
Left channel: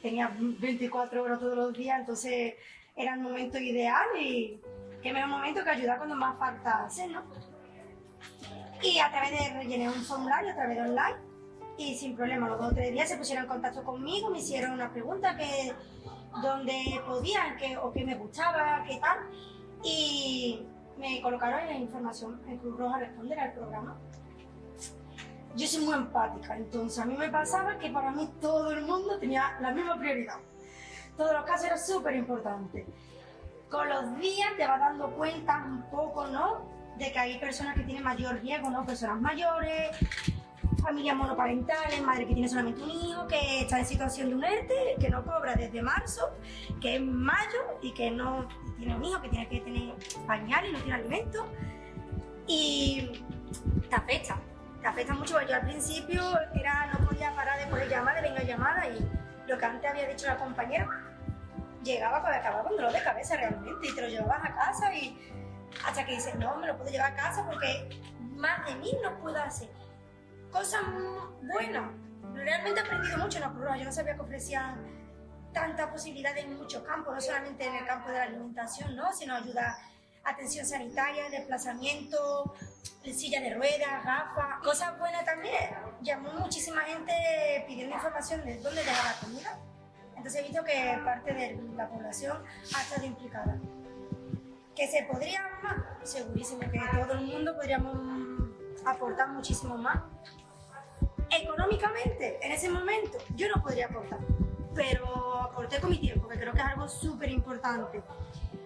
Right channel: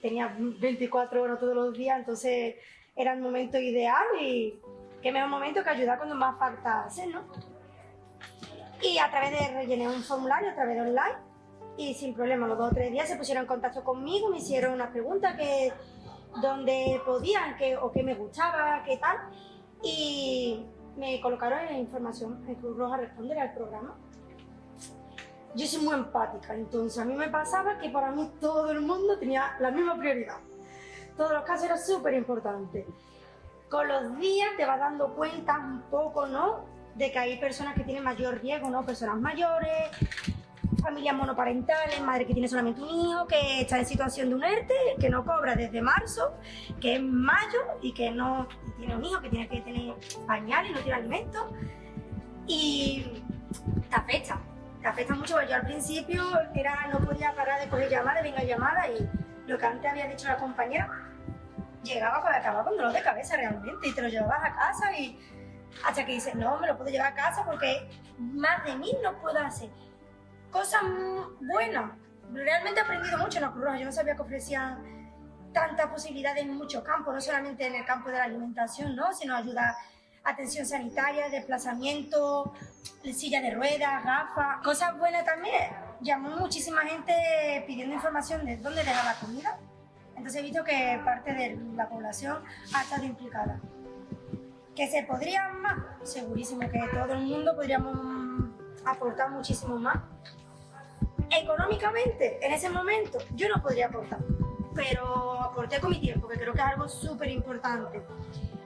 tenía 24 horas todos los días, entonces era el momento ideal y qué mejor momento que ayudar cuando más falta hacer, ¿no? Y a través de rellené un formulario, a través de online, y sin problema, los 2 o 3 días se pusieron en contacto conmigo, me hicieron unas preguntas que dónde podían, o qué me gustaba, qué tal, y me colocaron en la información en Cruz Roja Responde, era el programa. Yo soy muy empática, entonces a mí me pasaba que para mí todo el mundo tenía la misma prioridad. Todos los casos eran súper importantes. Con los días te vas dando cuenta un poco, ¿no?, de que hay personas que tienen mayor riesgo, ¿no?, personas mayores, familias monoparentales, madre que tiene solamente un hijo, que está en situación de un ERTE, que no cobra desde marzo, que es mayo y que no tiene un hijo, que tiene que tener pañal y no tiene alimento. Y te afecta mucho, porque yo al principio no podía parar de coger llamadas, venga llamada, y lo que antes había dicho la compañera, llegaba para acabar con dolor de cabeza realmente, y te lo llevabas a casa, y hasta que dices, no, me lo puedo llevar a casa porque más de mí no puedo hacer. Cosas buenas. Realmente he aprendido mucho en la Cruz Roja. Yo no sabía que ofrecían tantas posibilidades en muchos campos, no solamente en el campo de la alimentación, ¿no?, sino ayuda, atención sanitaria, desplazamiento, silla de ruedas, gafas. Cosas buenas también. Llamó muchísima gente pidiendo información de dónde dejar la comida. Entonces he visto que parte de la población ha estado implicada. ¿Que se podría más? Segurísimo que todo el mundo podríamos aportar muchísimo más. Económicamente, en ese momento, yo no podría aportar, pero aporté con mi tiempo, que creo que es algo súper importante.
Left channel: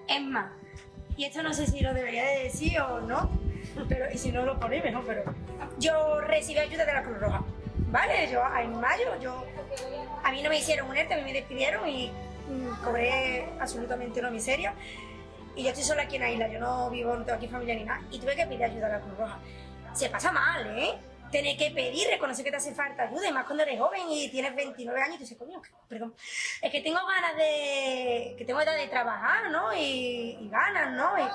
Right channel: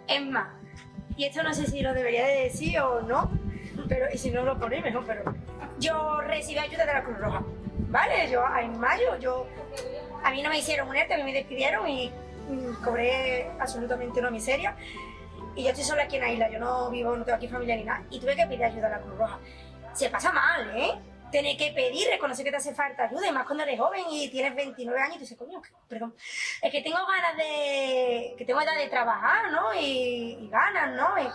Es más, y esto no sé si lo debería de decir o no, pero, y si no lo ponéis mejor, pero yo recibí ayuda de la Cruz Roja, ¿vale? Yo en mayo, a mí no me hicieron un ERTE, a mí me despidieron y cobré absolutamente una miseria. Y yo estoy sola aquí en la isla, yo no tengo aquí familia ni nada, y tuve que pedir ayuda a la Cruz Roja. Se pasa mal, ¿eh? Tener que pedir, reconocer que te hace falta ayuda, y más cuando eres joven y tienes 29 años y te dices, coño, perdón, es que tengo ganas que tengo edad de trabajar, ¿no? Y ganas, ¿no? Y,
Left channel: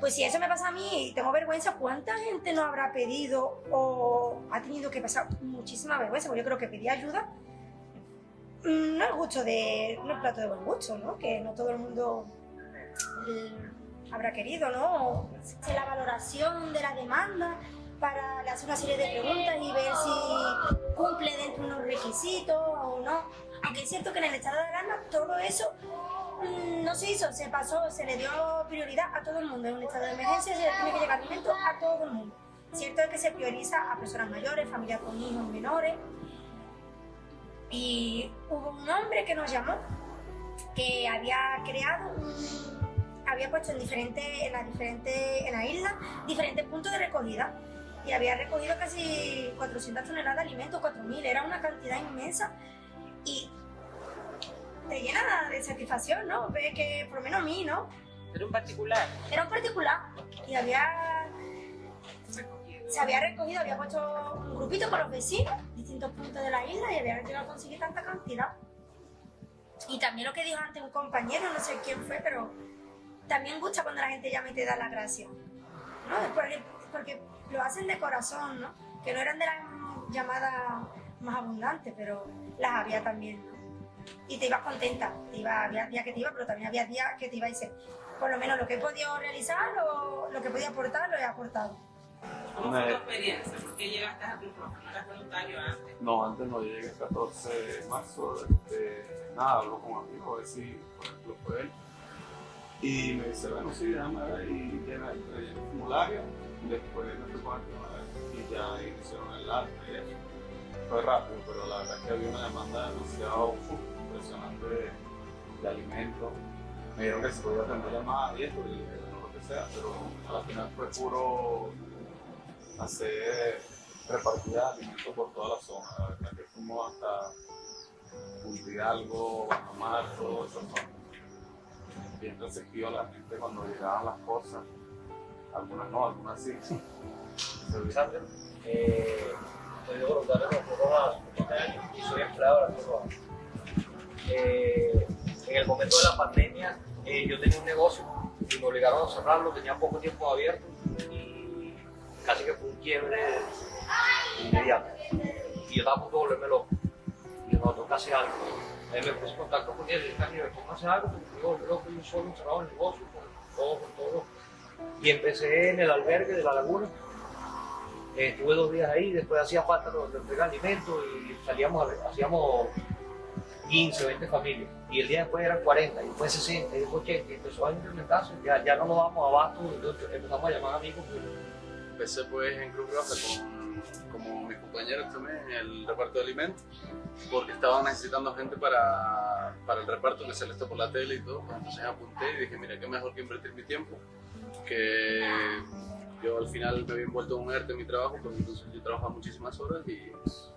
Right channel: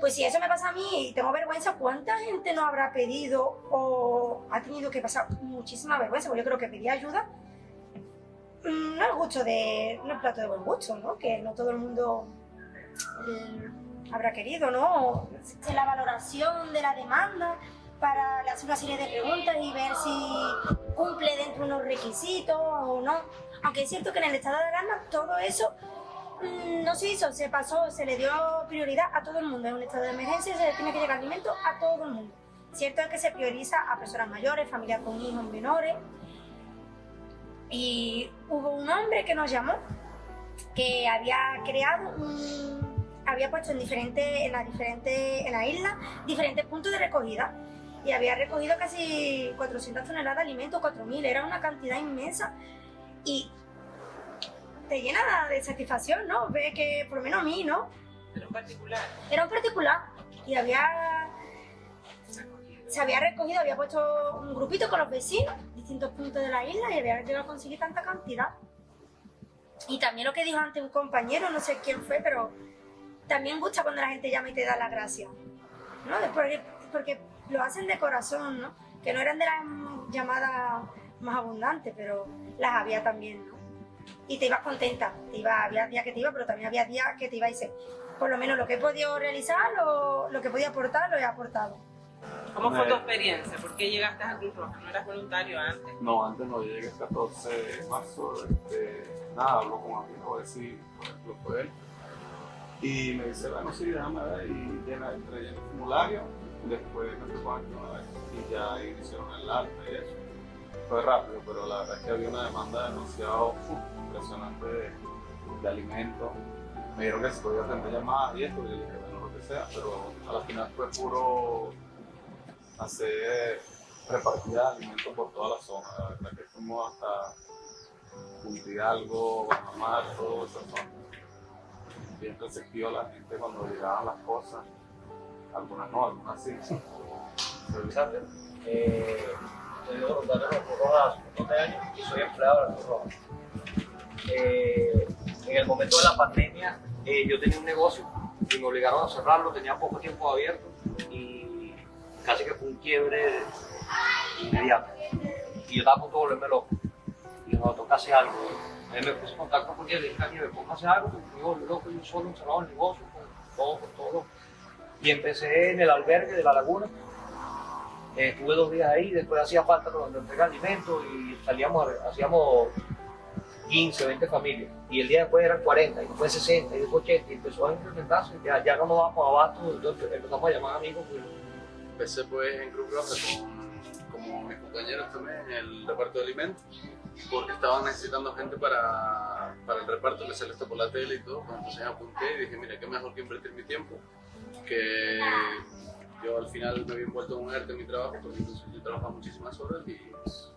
pues si eso me pasa a mí y tengo vergüenza, ¿cuánta gente no habrá pedido o ha tenido que pasar muchísima vergüenza? Porque yo creo que pedir ayuda no es gusto no es plato de buen gusto, ¿no? Que no todo el mundo habrá querido, ¿no? La valoración de la demanda para hacer una serie de preguntas y ver si cumple dentro de unos requisitos o no. Aunque es cierto que en el estado de alarma todo eso no se hizo, se pasó, se le dio prioridad a todo el mundo. En un estado de emergencia se le tiene que llegar alimento a todo el mundo. Cierto es que se prioriza a personas mayores, familias con hijos menores. Y hubo un hombre que nos llamó que había había puesto en la isla diferentes puntos de recogida y había recogido casi 400 toneladas de alimentos, 4.000, era una cantidad inmensa y te llena de satisfacción, ¿no? Ve que, por lo menos a mí, ¿no? Era un particular. Era un particular y se había recogido, había puesto un grupito con los vecinos, distintos puntos de la isla y había llegado a conseguir tanta cantidad. Y también lo que dijo antes un compañero, no sé quién fue, pero también gusta cuando la gente llama y te da las gracias, ¿no? Porque lo hacen de corazón, ¿no? Que no eran de las llamadas más abundantes, pero las había también, ¿no? Y te ibas contenta, había días que te iba, pero también había días que te iba y dices, por lo menos lo que he podido realizar, lo que podía aportar, lo he aportado. ¿Cómo fue tu experiencia? ¿Por qué llegaste a Cruz Roja? ¿No eras voluntario antes? No, antes no, llegué el 14 de marzo. Nada, hablo con un amigo, a ver si, por ejemplo, fue él. Y me dice, bueno, sí, déjame ver. Y llena el formulario. Después me tocó aquí una vez. Y ya ahí hicieron el arte y eso. Fue rápido, pero la verdad es que había una demanda demasiado impresionante de alimentos. Me dijeron que se podía atender llamadas y esto. Y yo dije, bueno, lo que sea. Pero a la final fue puro hacer repartida de alimentos por toda la zona. La verdad que fuimos hasta Punta Hidalgo, Guajamar, todo esa zona. Bien receptivo la gente cuando llegaban las cosas. Algunas no, algunas sí. Alexander, soy voluntario de la Cruz Roja hace un montón de años y soy empleado de la Cruz Roja. En el momento de la pandemia, yo tenía un negocio y me obligaron a cerrarlo, tenía poco tiempo abierto y casi que fue un quiebre inmediato. Y yo estaba a punto de volverme loco. Y yo, no, tengo que hacer algo. Él me puso en contacto con él y dije, me pongo a hacer algo, porque me volví loco, yo solo encerrado en el negocio, con todo. Y empecé en el albergue de La Laguna Estuve 2 días ahí, después hacía falta de entregar alimentos y hacíamos 15 o 20 familias. Y el día después eran 40, y después 60, y después 80, y empezó a incrementarse. Ya no nos damos abasto, entonces empezamos a llamar amigos. Empecé pues en Cruz Roja como mis compañeros también en el reparto de alimentos, porque estaban necesitando gente para el reparto que se les está por la tele y todo. Entonces me apunté y dije, mira, qué mejor que invertir mi tiempo, que yo al final me había envuelto en un ERTE en mi trabajo, porque entonces yo trabajaba muchísimas horas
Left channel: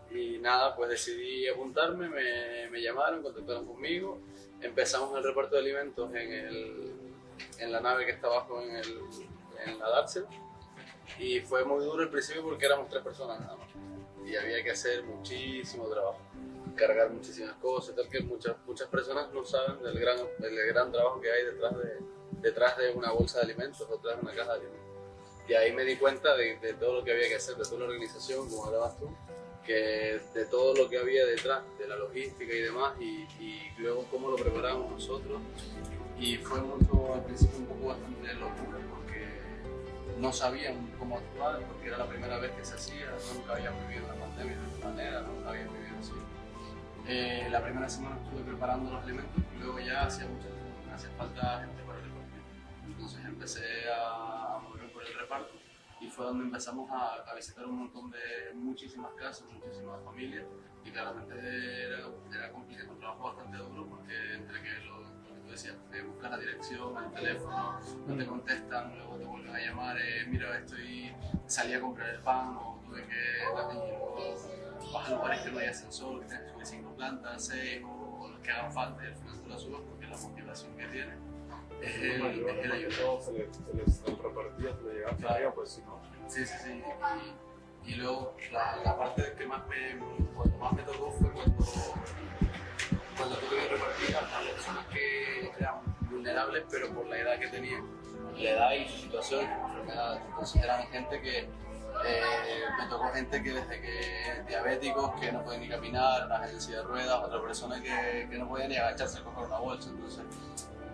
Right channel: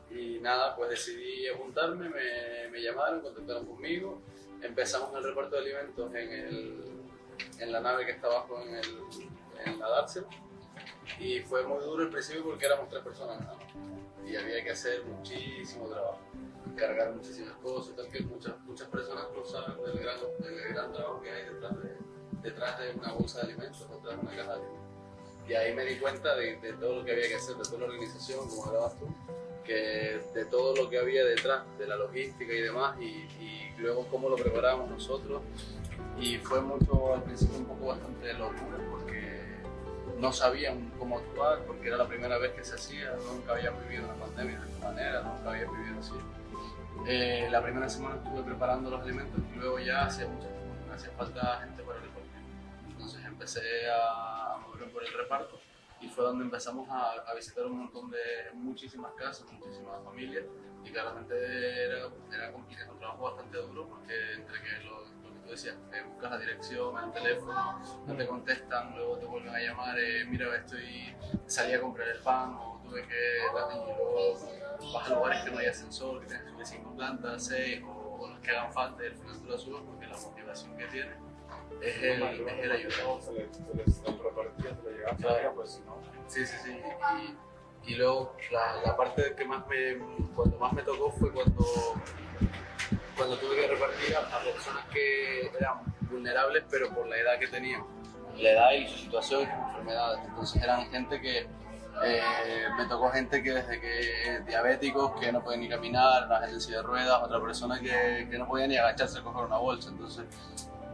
y nada, pues decidí apuntarme, me llamaron, contactaron conmigo, empezamos el reparto de alimentos en la nave que está abajo en la Darcel, y fue muy duro al principio porque éramos 3 personas nada más y había que hacer muchísimo trabajo, cargar muchísimas cosas, tal que muchas personas no saben del gran trabajo que hay detrás de una bolsa de alimentos o detrás de una caja de alimentos. Y ahí me di cuenta de todo lo que había que hacer, de toda la organización, como hablabas tú, que de todo lo que había detrás, de la logística y demás, y luego cómo lo preparábamos nosotros. Y fue mucho, al principio, un poco bastante locura, porque no sabían cómo actuar, porque era la primera vez que se hacía, nunca había vivido una pandemia de esta manera, nunca había vivido así. La primera semana estuve preparando los alimentos y luego ya hacía falta gente para repartir. Entonces empecé a moverme por el reparto y fue donde empezamos a visitar un montón de muchísimas casas, muchísimas familias, y claramente era complicado, un trabajo bastante duro, porque entre que lo que tú decías, buscas la dirección, el teléfono, no te contestan, luego te vuelven a llamar, mira, salí a comprar el pan, o tuve que, y luego vas a lugares que no hay ascensor, que tienes que subir 5 plantas, 6, o los que hagan falta, y al final tú la subes porque la motivación que tienes es el ayudar. Se les repartía, se les llegaba a claro. Pues si no. Sí. Y luego la parte que cuando más me tocó fue cuando tuve que repartir a personas que eran vulnerables, pero por la edad que tenían, la edad y su situación, sus enfermedades. Entonces eran gente que me tocó gente que desde que diabéticos que no pueden ni caminar, una gente en silla de ruedas, otra persona que no podía ni agacharse a coger una bolsa. Entonces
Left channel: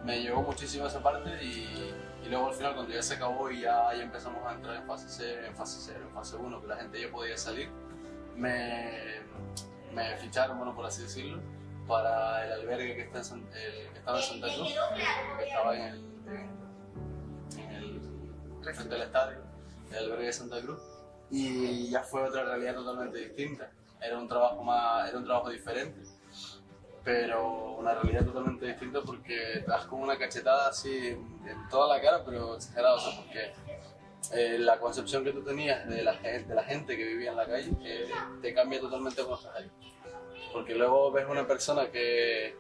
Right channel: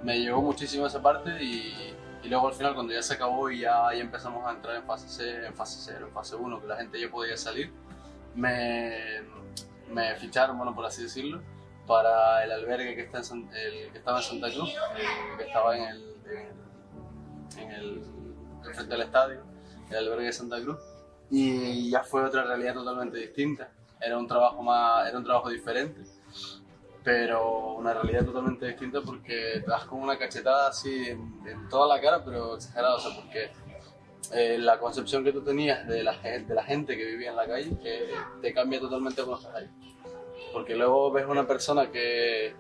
me llegó muchísimo esa parte y luego al final, cuando ya se acabó y ya empezamos a entrar en fase 0, en fase 1, que la gente ya podía salir, me ficharon, bueno, por así decirlo, para el albergue que estaba en Santa Cruz, que estaba frente al estadio, el albergue de Santa Cruz, y ya fue otra realidad totalmente distinta. Era un trabajo diferente, pero una realidad totalmente distinta, porque te das como una cachetada así en toda la cara, pero exagerado, o sea, porque la concepción que tú tenías de la gente que vivía en la calle te cambia totalmente cuando estás ahí. Porque luego ves una persona que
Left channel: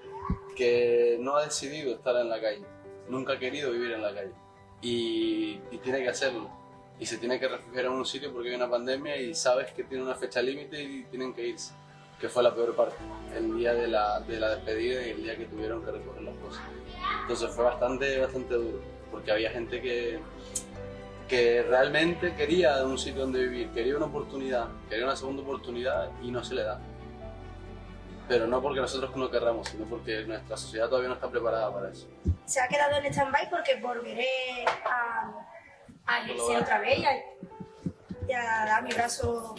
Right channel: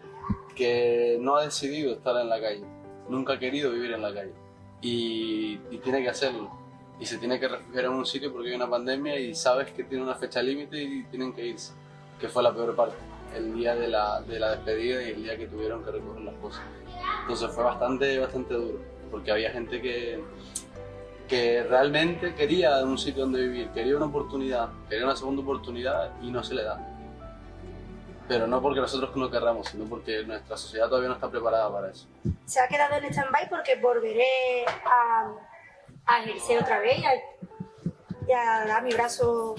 no ha decidido estar en la calle, nunca ha querido vivir en la calle, y tiene que hacerlo, y se tiene que refugiar en un sitio porque hay una pandemia y sabes que tiene una fecha límite y tienen que irse, que fue la peor parte, el día de la despedida y el día que tuvieron que recoger las cosas. Entonces fue bastante duro, porque había gente que realmente quería un sitio donde vivir, quería una oportunidad, quería una segunda oportunidad y no se le da. Pero no porque nosotros no querramos, sino porque nuestra sociedad todavía no está preparada para eso. Se ha quedado en stand-by porque volveré a ejercer otra vez y a dar mi brazo,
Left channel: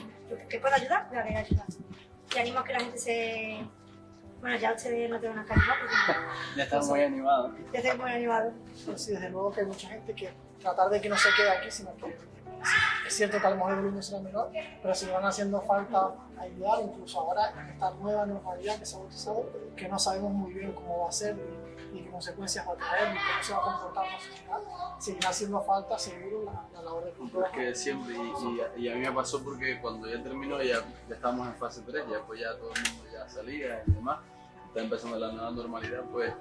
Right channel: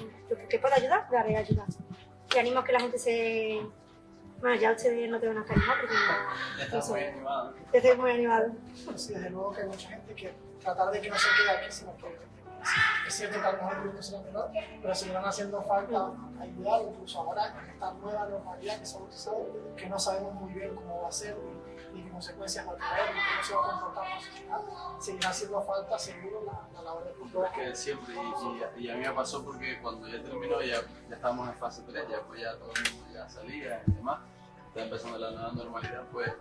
que pueda ayudar, daré ayuda. Y animo a que la gente Bueno, ya ustedes no te van a animar porque ya están muy animados. Ya estoy muy animado. Sí, desde luego que hay mucha gente que tratar de que no se quede aquí, sino que es cierto que a lo mejor el volumen será menor, pero si van haciendo falta ayudar, incluso ahora en esta nueva normalidad que se ha utilizado, que no sabemos muy bien cómo va a ser y qué consecuencias va a traer y cómo se va a comportar la sociedad, seguirá haciendo falta seguro la labor de control. Que siempre, y a mí me pasó porque cuando ya terminó, ya estábamos en fase 3, ya pues ya todo el mundo ya salía y demás, está empezando la nueva normalidad, pues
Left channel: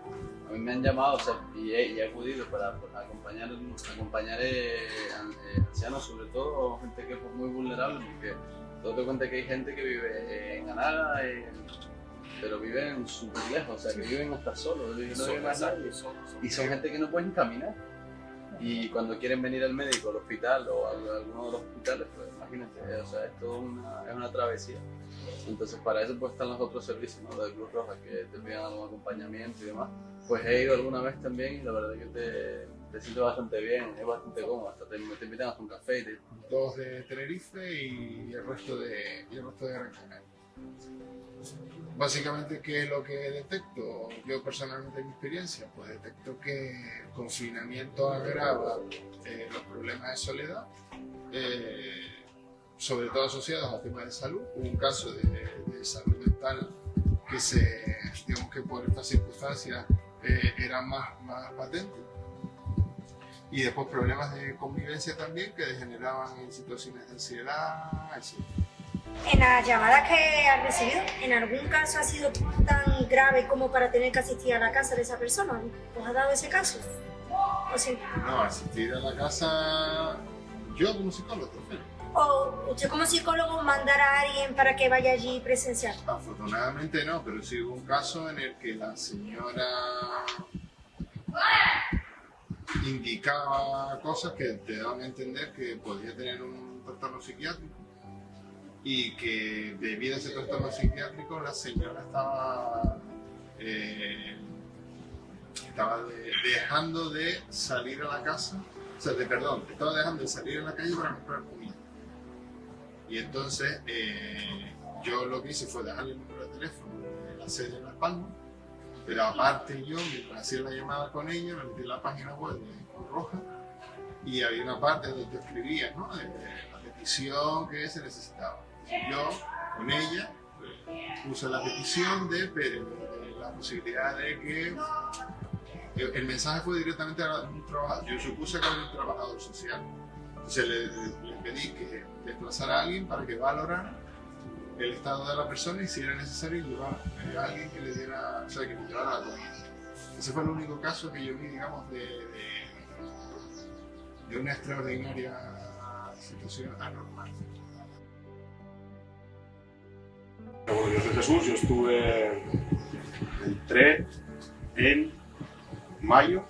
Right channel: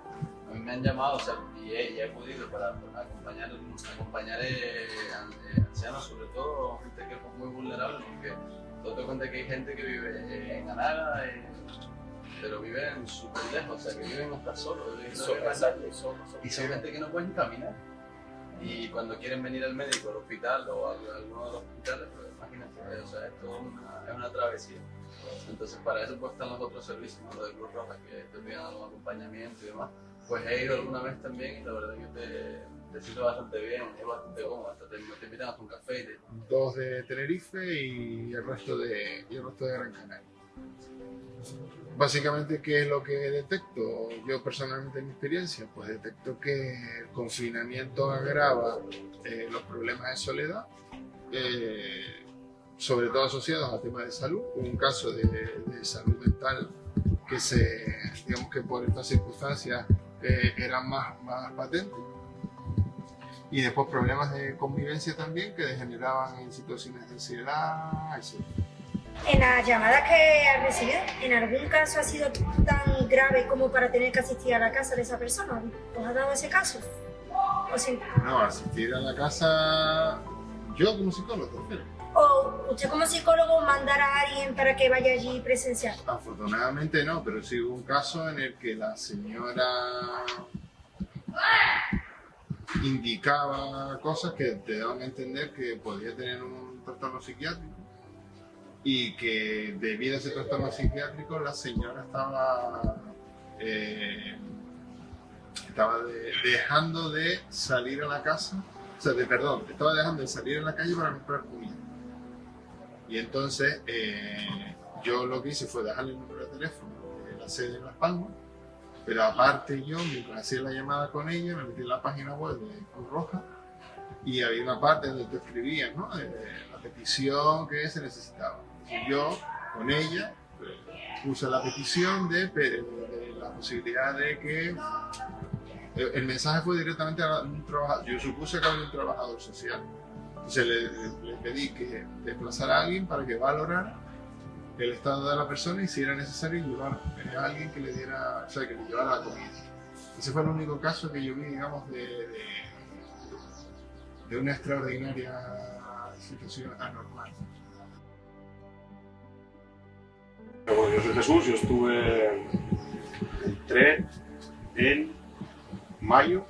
a mí me han llamado, o sea, y he podido para acompañar ancianos, sobre todo gente que es muy vulnerable, porque te das cuenta que hay gente que vive en Anaga, pero viven súper lejos, o sea, que viven hasta solos, no viven más nadie, y son gente que no pueden caminar. Y cuando quieren venir al médico, al hospital o a alguno de los hospitales, pues imagínate, o sea, esto es una travesía. Entonces para eso pues están los otros servicios, ¿no? Lo de Cruz Roja, que te piden algún acompañamiento y demás. Pues he ido alguna vez también y la verdad que te sientes bastante bien, es bastante cómodo, hasta te invitan hasta un café. Y 2 de Tenerife y el resto de Gran Canaria. Básicamente, ¿qué es lo que detecto? Yo personalmente en mi experiencia, pues detecto que el confinamiento agrava los problemas de soledad, sobre todo asociados a temas de salud. Un caso de salud mental que digamos que por estas circunstancias era más patente. Y después problemas de convivencia también que degeneraban en situaciones de ansiedad, etc. En las llamadas que has recibido, ¿en algún caso ha sido tan grave como para tener que asistir a la casa de esa persona? ¿Os ha dado ese caso? No, asistir a la casa, yo como psicólogo, prefiero. ¿O usted como psicólogo mandar a alguien para que vaya allí presencial? Afortunadamente no, pero sí hubo un caso en el que la señora indicaba cosas que te daban a entender que podía tener un trastorno psiquiátrico y que debido a ese trastorno psiquiátrico la señora estaba dejando de salir a la casa, estaba dejando de salir a la calle para comprar comida. Y entonces yo lo que hice fue dejarle el número de teléfono de la sede de Las Palmas, pero aparte yo, mientras hacía la llamada con ella, me metí en la página web de Cruz Roja y había una parte donde te escribías, ¿no?, de la petición que se necesitaba. Y yo, con ella, puse la petición de la posibilidad de que el mensaje fue directamente a un trabajador. Yo supuse que había un trabajador social. Entonces le pedí que desplazara a alguien para que valorara el estado de la persona y si era necesario llevar a alguien que le diera, que le llevara la comida. Ese fue el único caso que yo vi, digamos, de una extraordinaria situación anormal. Bueno, yo soy Jesús, yo entré en mayo.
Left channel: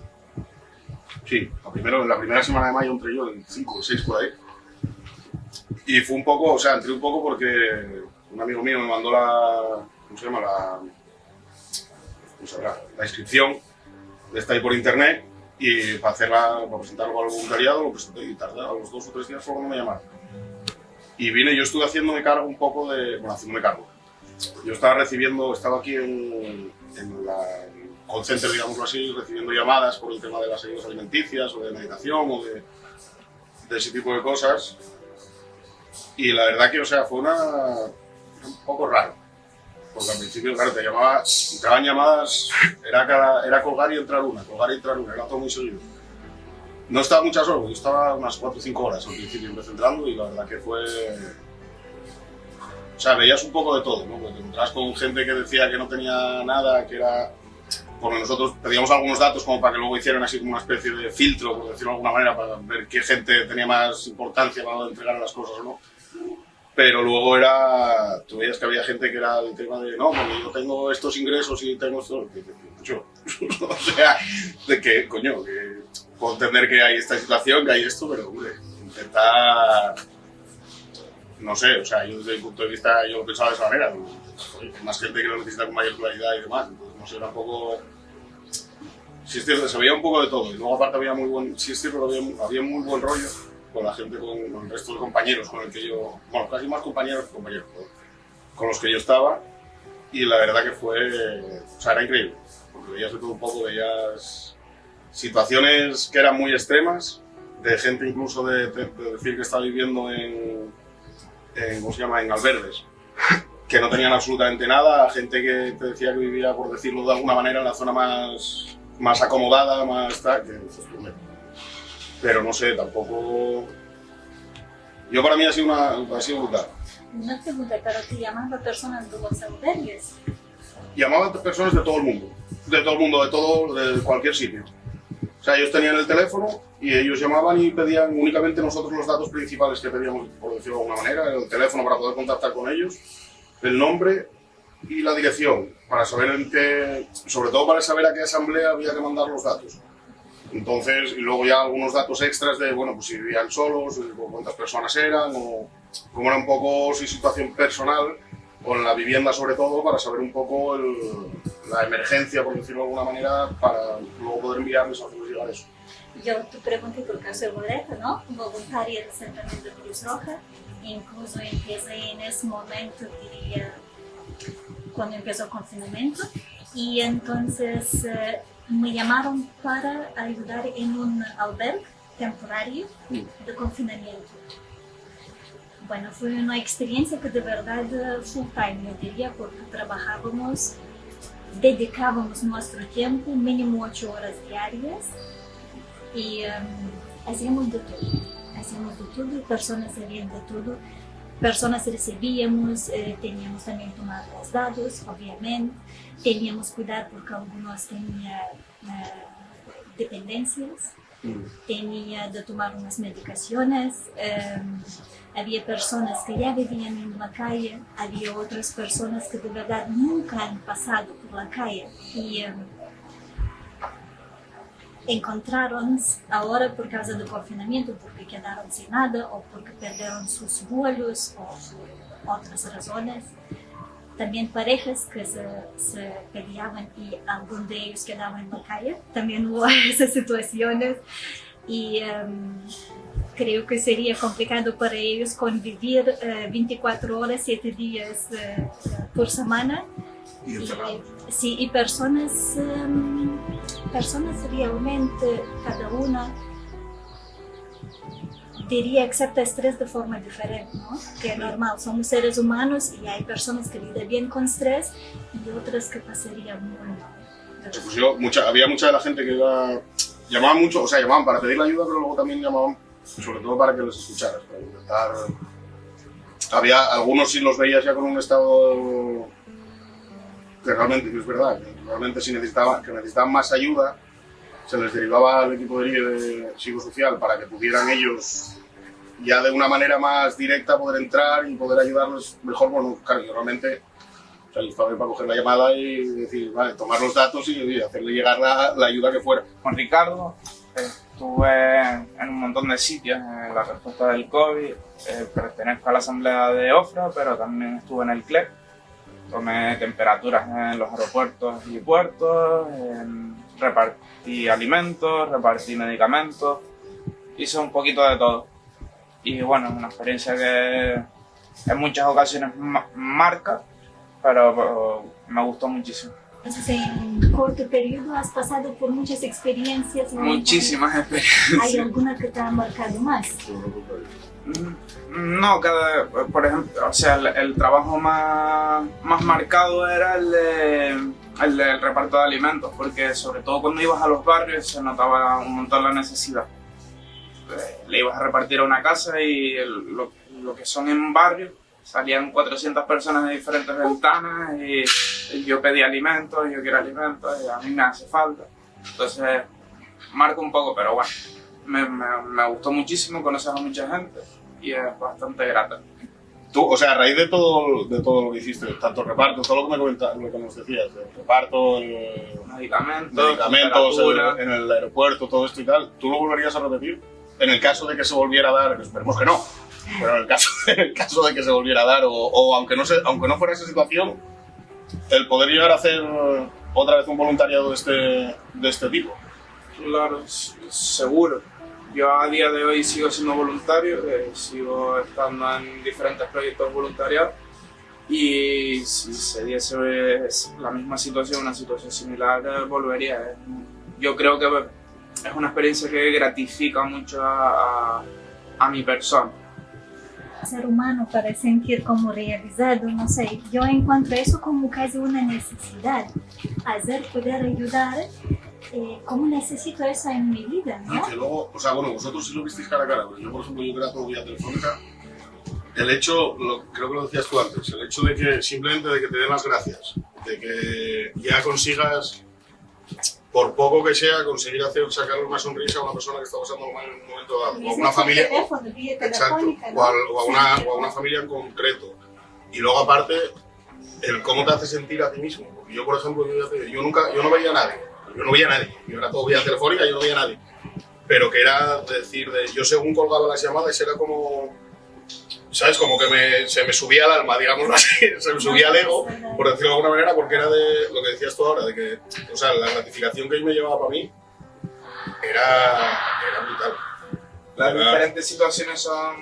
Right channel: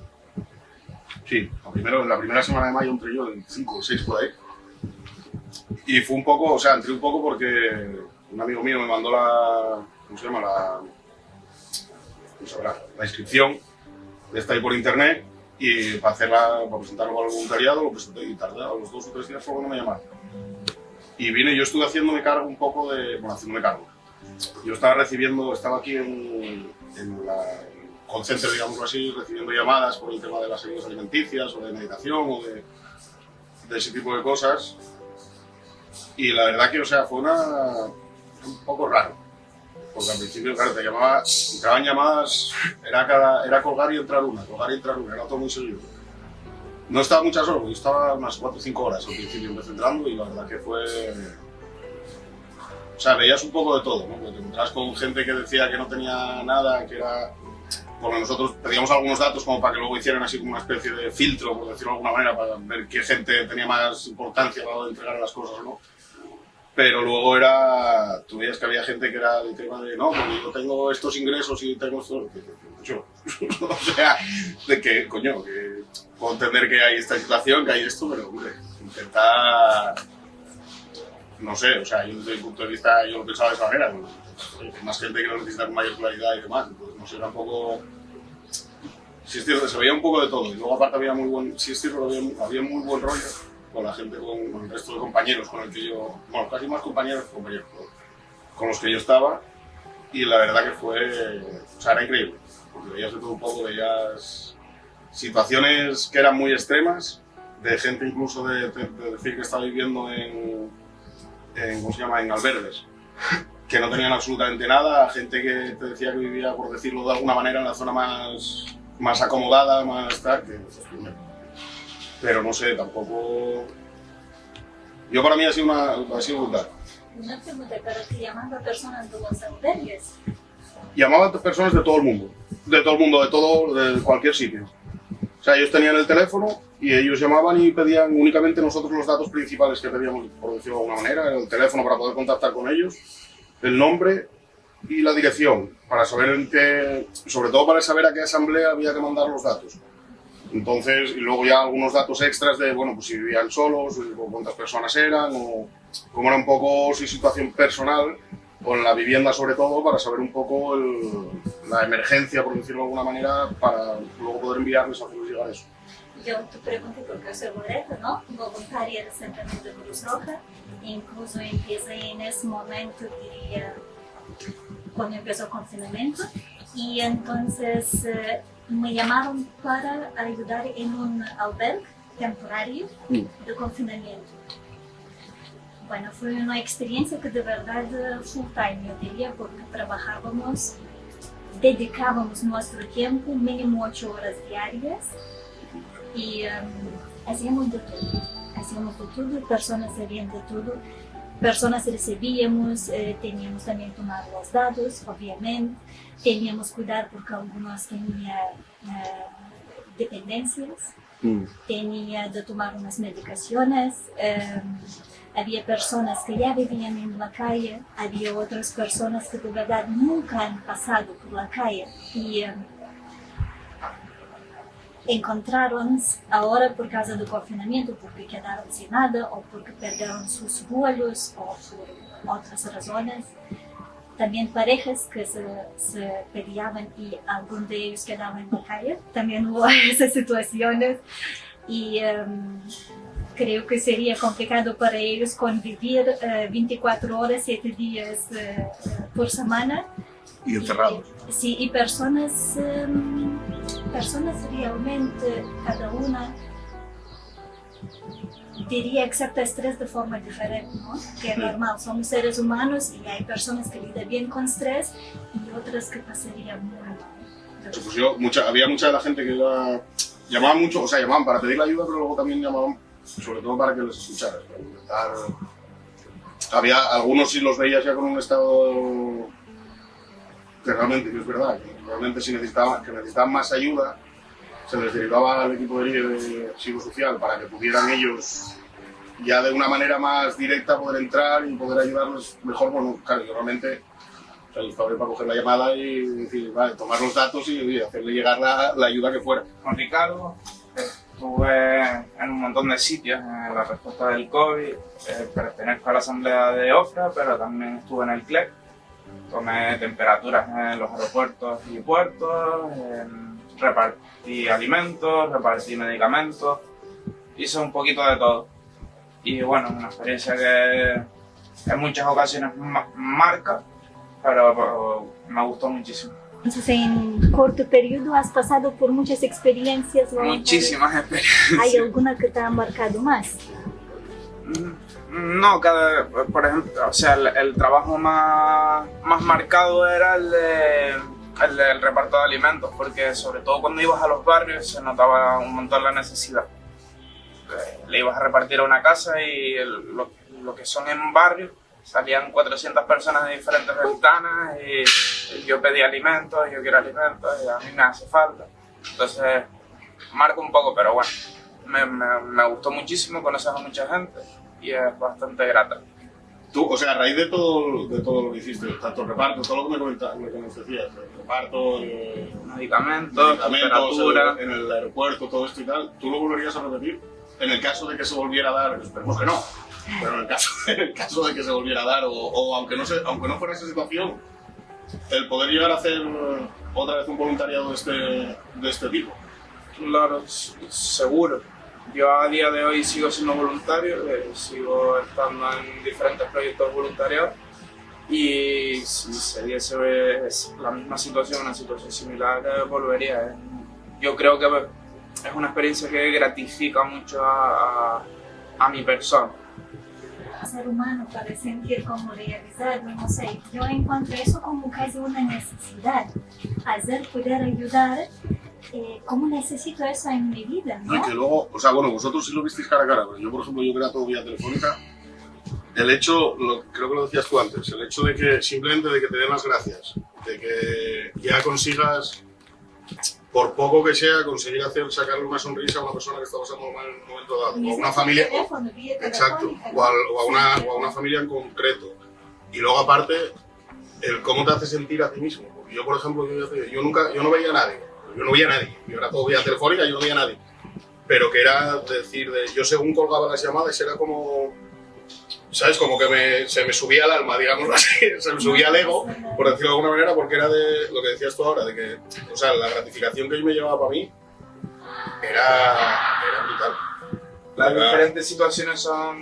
Sí, la primera semana de mayo entré yo, el 5 o 6 por ahí. Y fue un poco, entré un poco porque un amigo mío me mandó la inscripción de esta ahí por internet y para presentarlo al voluntariado lo presenté y tardé a los 2 o 3 días fue cuando me llamaron. Y vine, yo estuve haciéndome cargo un poco haciéndome cargo. Yo estaba aquí en la call center, digámoslo así, recibiendo llamadas por el tema de las ayudas alimenticias o de meditación o de ese tipo de cosas. Y la verdad que, fue un poco raro. Porque al principio, claro, entraban llamadas, era colgar y entrar una, era todo muy seguido. No estaba muchas horas, yo estaba unas 4 o 5 horas al principio empecé entrando y la verdad que fue... veías un poco de todo, ¿no? Porque te encontrabas con gente que decía que no tenía nada, que era... Porque nosotros pedíamos algunos datos como para que luego hicieran así como una especie de filtro, por decirlo de alguna manera, para ver qué gente tenía más importancia para entregar las cosas o no. Pero luego tú veías que había gente que era el tema de, no, porque yo tengo estos ingresos y tengo esto... de que, coño, que puedo entender que hay esta situación, que hay esto, pero, hombre, intentar... No sé, yo desde mi punto de vista yo lo pensaba de esa manera. Hay más gente que lo necesita con mayor claridad y demás, entonces no sé, era un poco... Sí, es cierto, se veía un poco de todo y luego aparte había muy buen rollo con la gente, con el resto de compañeros con el que yo... Bueno, casi más compañeros que compañeros, con los que yo estaba y la verdad que era increíble, porque veías de todo un poco, veías situaciones que eran muy extremas, de gente incluso de decir que estaba viviendo en albergues, que no tenían absolutamente nada, gente que te decía que vivía, por decirlo de alguna manera, en la zona más acomodada, más tal, pero no sé, tampoco... Yo para mí ha sido brutal. Una pregunta, ¿pero te llaman a personas de los albergues? Llamaban a personas de todo el mundo, de cualquier sitio. Ellos tenían el teléfono y ellos llamaban y pedían únicamente nosotros los datos principales que pedíamos, por decirlo de alguna manera, el teléfono para poder contactar con ellos, el nombre y la dirección, para saber sobre todo para saber a qué asamblea había que mandar los datos. Entonces, y luego ya algunos datos extras de, pues si vivían solos, o cuántas personas eran, o cómo era un poco su situación personal, con la vivienda sobre todo, para saber un poco la emergencia, por decirlo de alguna manera, para luego poder enviarles a hacerles llegar eso. yo te pregunté por qué soy Loreto, ¿no? Voluntaria recientemente de Cruz Roja, incluso empecé en ese momento, diría, cuando empezó el confinamiento, y entonces me llamaron para ayudar en un albergue temporario de confinamiento. Bueno, fue una experiencia que de verdad full time, yo diría, porque dedicábamos nuestro tiempo, mínimo 8 horas diarias, y hacíamos de todo, personas sabían de todo, personas recibíamos, teníamos también que tomar los datos, obviamente, teníamos que cuidar porque algunos tenían dependencias, tenía de tomar unas medicaciones, había personas que ya vivían en la calle, había otras personas que de verdad nunca han pasado por la calle y encontraron ahora por causa del confinamiento, porque quedaron sin nada o porque perdieron sus vuelos o por otras razones. También parejas que se peleaban y algunos de ellos quedaban en la calle. También hubo esas situaciones y creo que sería complicado para ellos convivir 24 horas, 7 días por semana. Y encerrados. Sí, y personas realmente, cada una diría acepta estrés de forma diferente, ¿no? Que es normal, somos seres humanos y hay personas que lidian bien con estrés y otras que pasarían muy mal. Sí, pues había mucha de la gente que llamaban mucho, o sea, llamaban para pedir la ayuda, pero luego también llamaban sobre todo para que les escucharas, para intentar... Había algunos sí los veías ya con un estado que realmente, que es verdad, que realmente si necesitaban más ayuda, se les derivaba al equipo de psicosocial para que pudieran ellos ya de una manera más directa poder entrar y poder ayudarlos mejor. Bueno, claro, normalmente o sea, yo estaba ahí para coger la llamada y decir, vale, tomar los datos y hacerle llegar la ayuda que fuera. Con Ricardo estuve en un montón de sitios en la respuesta del COVID, pertenezco a la asamblea de OFRA, pero también estuve en el CLEP, tomé temperaturas en los aeropuertos y puertos, repartí alimentos, repartí medicamentos, hice un poquito de todo. Y bueno, una experiencia que en muchas ocasiones marca, pero me gustó muchísimo. Entonces, en corto periodo has pasado por muchas experiencias. Muchísimas experiencias. ¿Hay alguna que te ha marcado más? No, por ejemplo, o sea, el trabajo más marcado era el del reparto de alimentos, porque sobre todo cuando ibas a los barrios se notaba un montón la necesidad. Le ibas a repartir a una casa y lo que son en barrios, salían 400 personas de diferentes ventanas y yo pedí alimentos, yo quiero alimentos y a mí me hace falta. Entonces, marca un poco, pero bueno, me gustó muchísimo, conoces a mucha gente y es bastante grata. Tú, o sea, a raíz de todo lo que hiciste, tanto el reparto, todo lo que nos decías, el reparto, medicamentos en el aeropuerto, todo esto y tal, ¿tú lo volverías a repetir? En el caso de que se volviera a dar, esperemos que no, pero en el caso de que se volviera a dar, o aunque no fuera esa situación, el poder llegar a hacer otra vez un voluntariado de este tipo. Claro, seguro. Yo a día de hoy sigo siendo voluntario, sigo estando en diferentes proyectos voluntariados y si se diese la misma situación, una situación similar, volvería. Yo creo que es una experiencia que gratifica mucho a mi persona. Ser humano para sentir como realizado, no sé, yo encuentro eso como casi una necesidad, poder ayudar. ¿Cómo necesito eso en mi vida? ¿no? Y que luego, o sea, bueno, vosotros sí lo visteis cara a cara, pero yo, por ejemplo, yo que era todo vía telefónica, el hecho, creo que lo decías tú antes, el hecho de que simplemente de que te den las gracias, de que ya consigas, por poco que sea, conseguir sacarle una sonrisa a una persona que está pasando mal en un momento dado, o a una familia, exacto, o a una familia en concreto. Y luego aparte, el cómo te hace sentir a ti mismo. Porque yo, por ejemplo, yo no veía a nadie. Yo no veía a nadie, yo era todo vía telefónica, yo no veía a nadie. Pero que era decir, yo según colgaba las llamadas era como, ¿sabes? Como que se me subía el alma, digámoslo así, se me subía el ego, por decirlo de alguna manera, porque era de lo que decías tú ahora, de que, o sea, la gratificación que yo me llevaba para mí era brutal. Las diferentes situaciones son...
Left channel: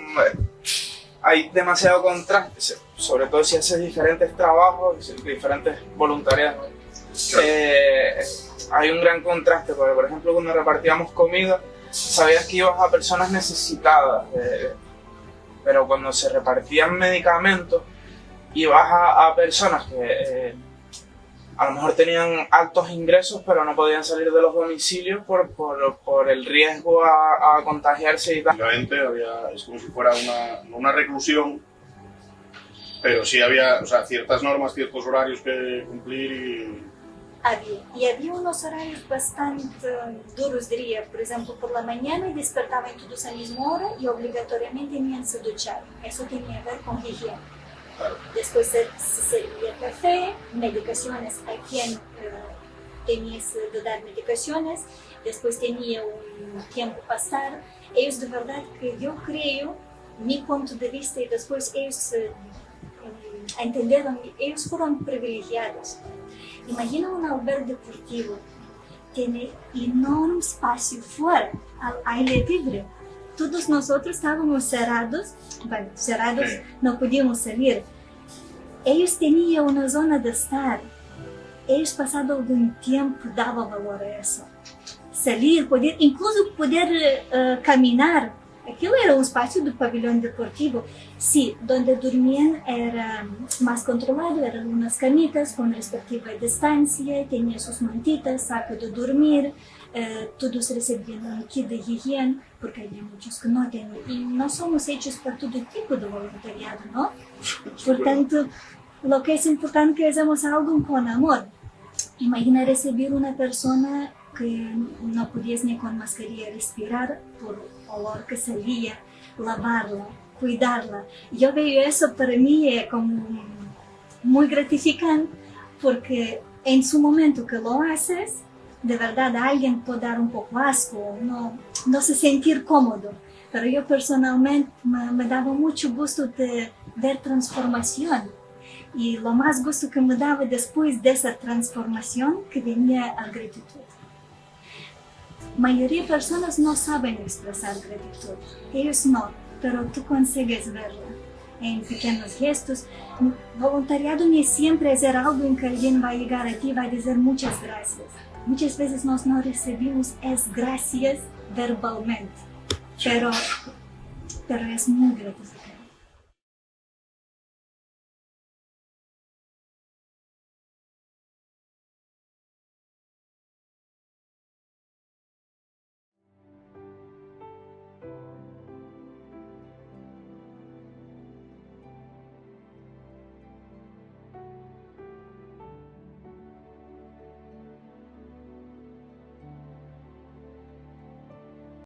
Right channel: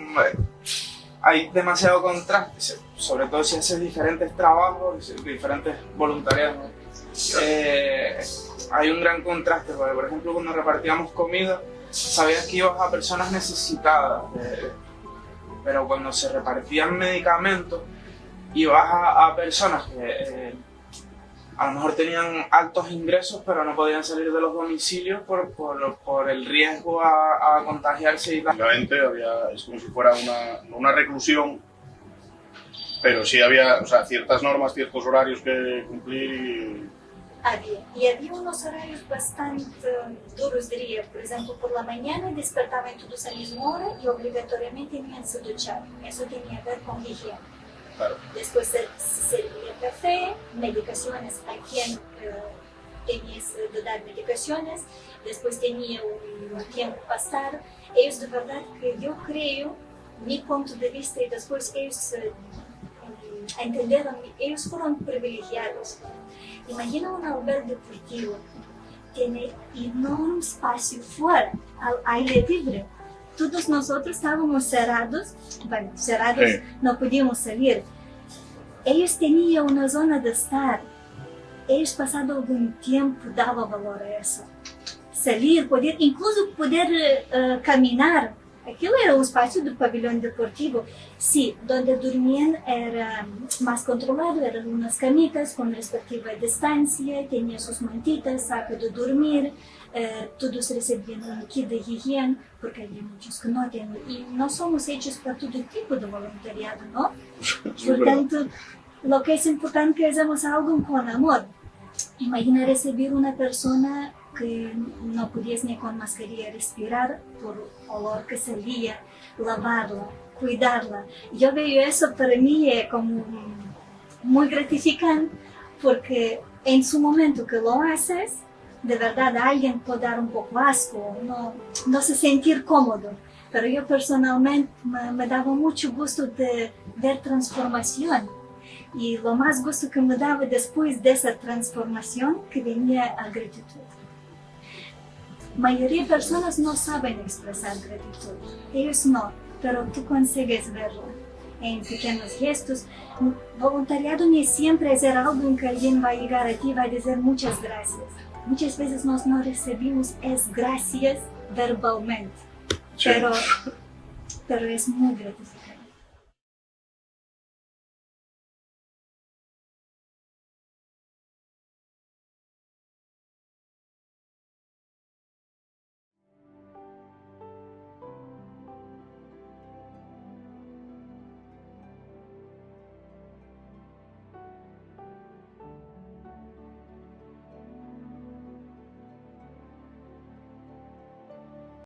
Hay demasiado contraste, sobre todo si haces diferentes trabajos, diferentes voluntariados. Hay un gran contraste, porque por ejemplo cuando repartíamos comida, sabías que ibas a personas necesitadas, pero cuando se repartían medicamentos, ibas a personas que a lo mejor tenían altos ingresos, pero no podían salir de los domicilios por el riesgo a contagiarse y tal. Es como si fuera una reclusión, pero sí había, o sea, ciertas normas, ciertos horarios que cumplir y había unos horarios bastante duros, diría. Por ejemplo, por la mañana despertaban todos a la misma hora y obligatoriamente tenían que duchar. Eso tenía que ver con higiene. Claro. Después se servía café, medicaciones a quien tenías que dar medicaciones. Después tenía un tiempo pasar. Ellos de verdad que yo creo, mi punto de vista, y después ellos entendieron, ellos fueron privilegiados. Imagina un albergue deportivo, tiene enorme espacio fuera, al aire libre. Todos nosotros estábamos cerrados, sí. No podíamos salir. Ellos tenían una zona de estar. Ellos pasado algún tiempo daban valor a eso. Salir, incluso poder caminar. Aquilo era un espacio de pabellón deportivo. Sí, donde dormían era más controlado, eran unas camitas con respectiva distancia, tenía sus mantitas, saco de dormir, todos recibían un kit de higiene, porque había muchos que no tenían. Y no somos hechos para todo tipo de voluntariado, ¿no? Por tanto, lo que es importante es que hagamos algo con amor. Imagina recibir una persona que no podías ni con mascarilla respirar por olor que salía, lavarla, cuidarla. Yo veo eso para mí como muy gratificante, porque en su momento que lo haces, de verdad a alguien puede dar un poco asco, no se sentir cómodo, pero yo personalmente me daba mucho gusto de ver transformación. Y lo más gusto que me daba después de esa transformación, que venía la gratitud. La mayoría de personas no saben expresar gratitud, ellos no, pero tú consigues verla en pequeños gestos. Voluntariado no es siempre hacer algo en que alguien va a llegar a ti y va a decir muchas gracias. Muchas veces nos no recibimos es gracias verbalmente, pero es muy gratificante.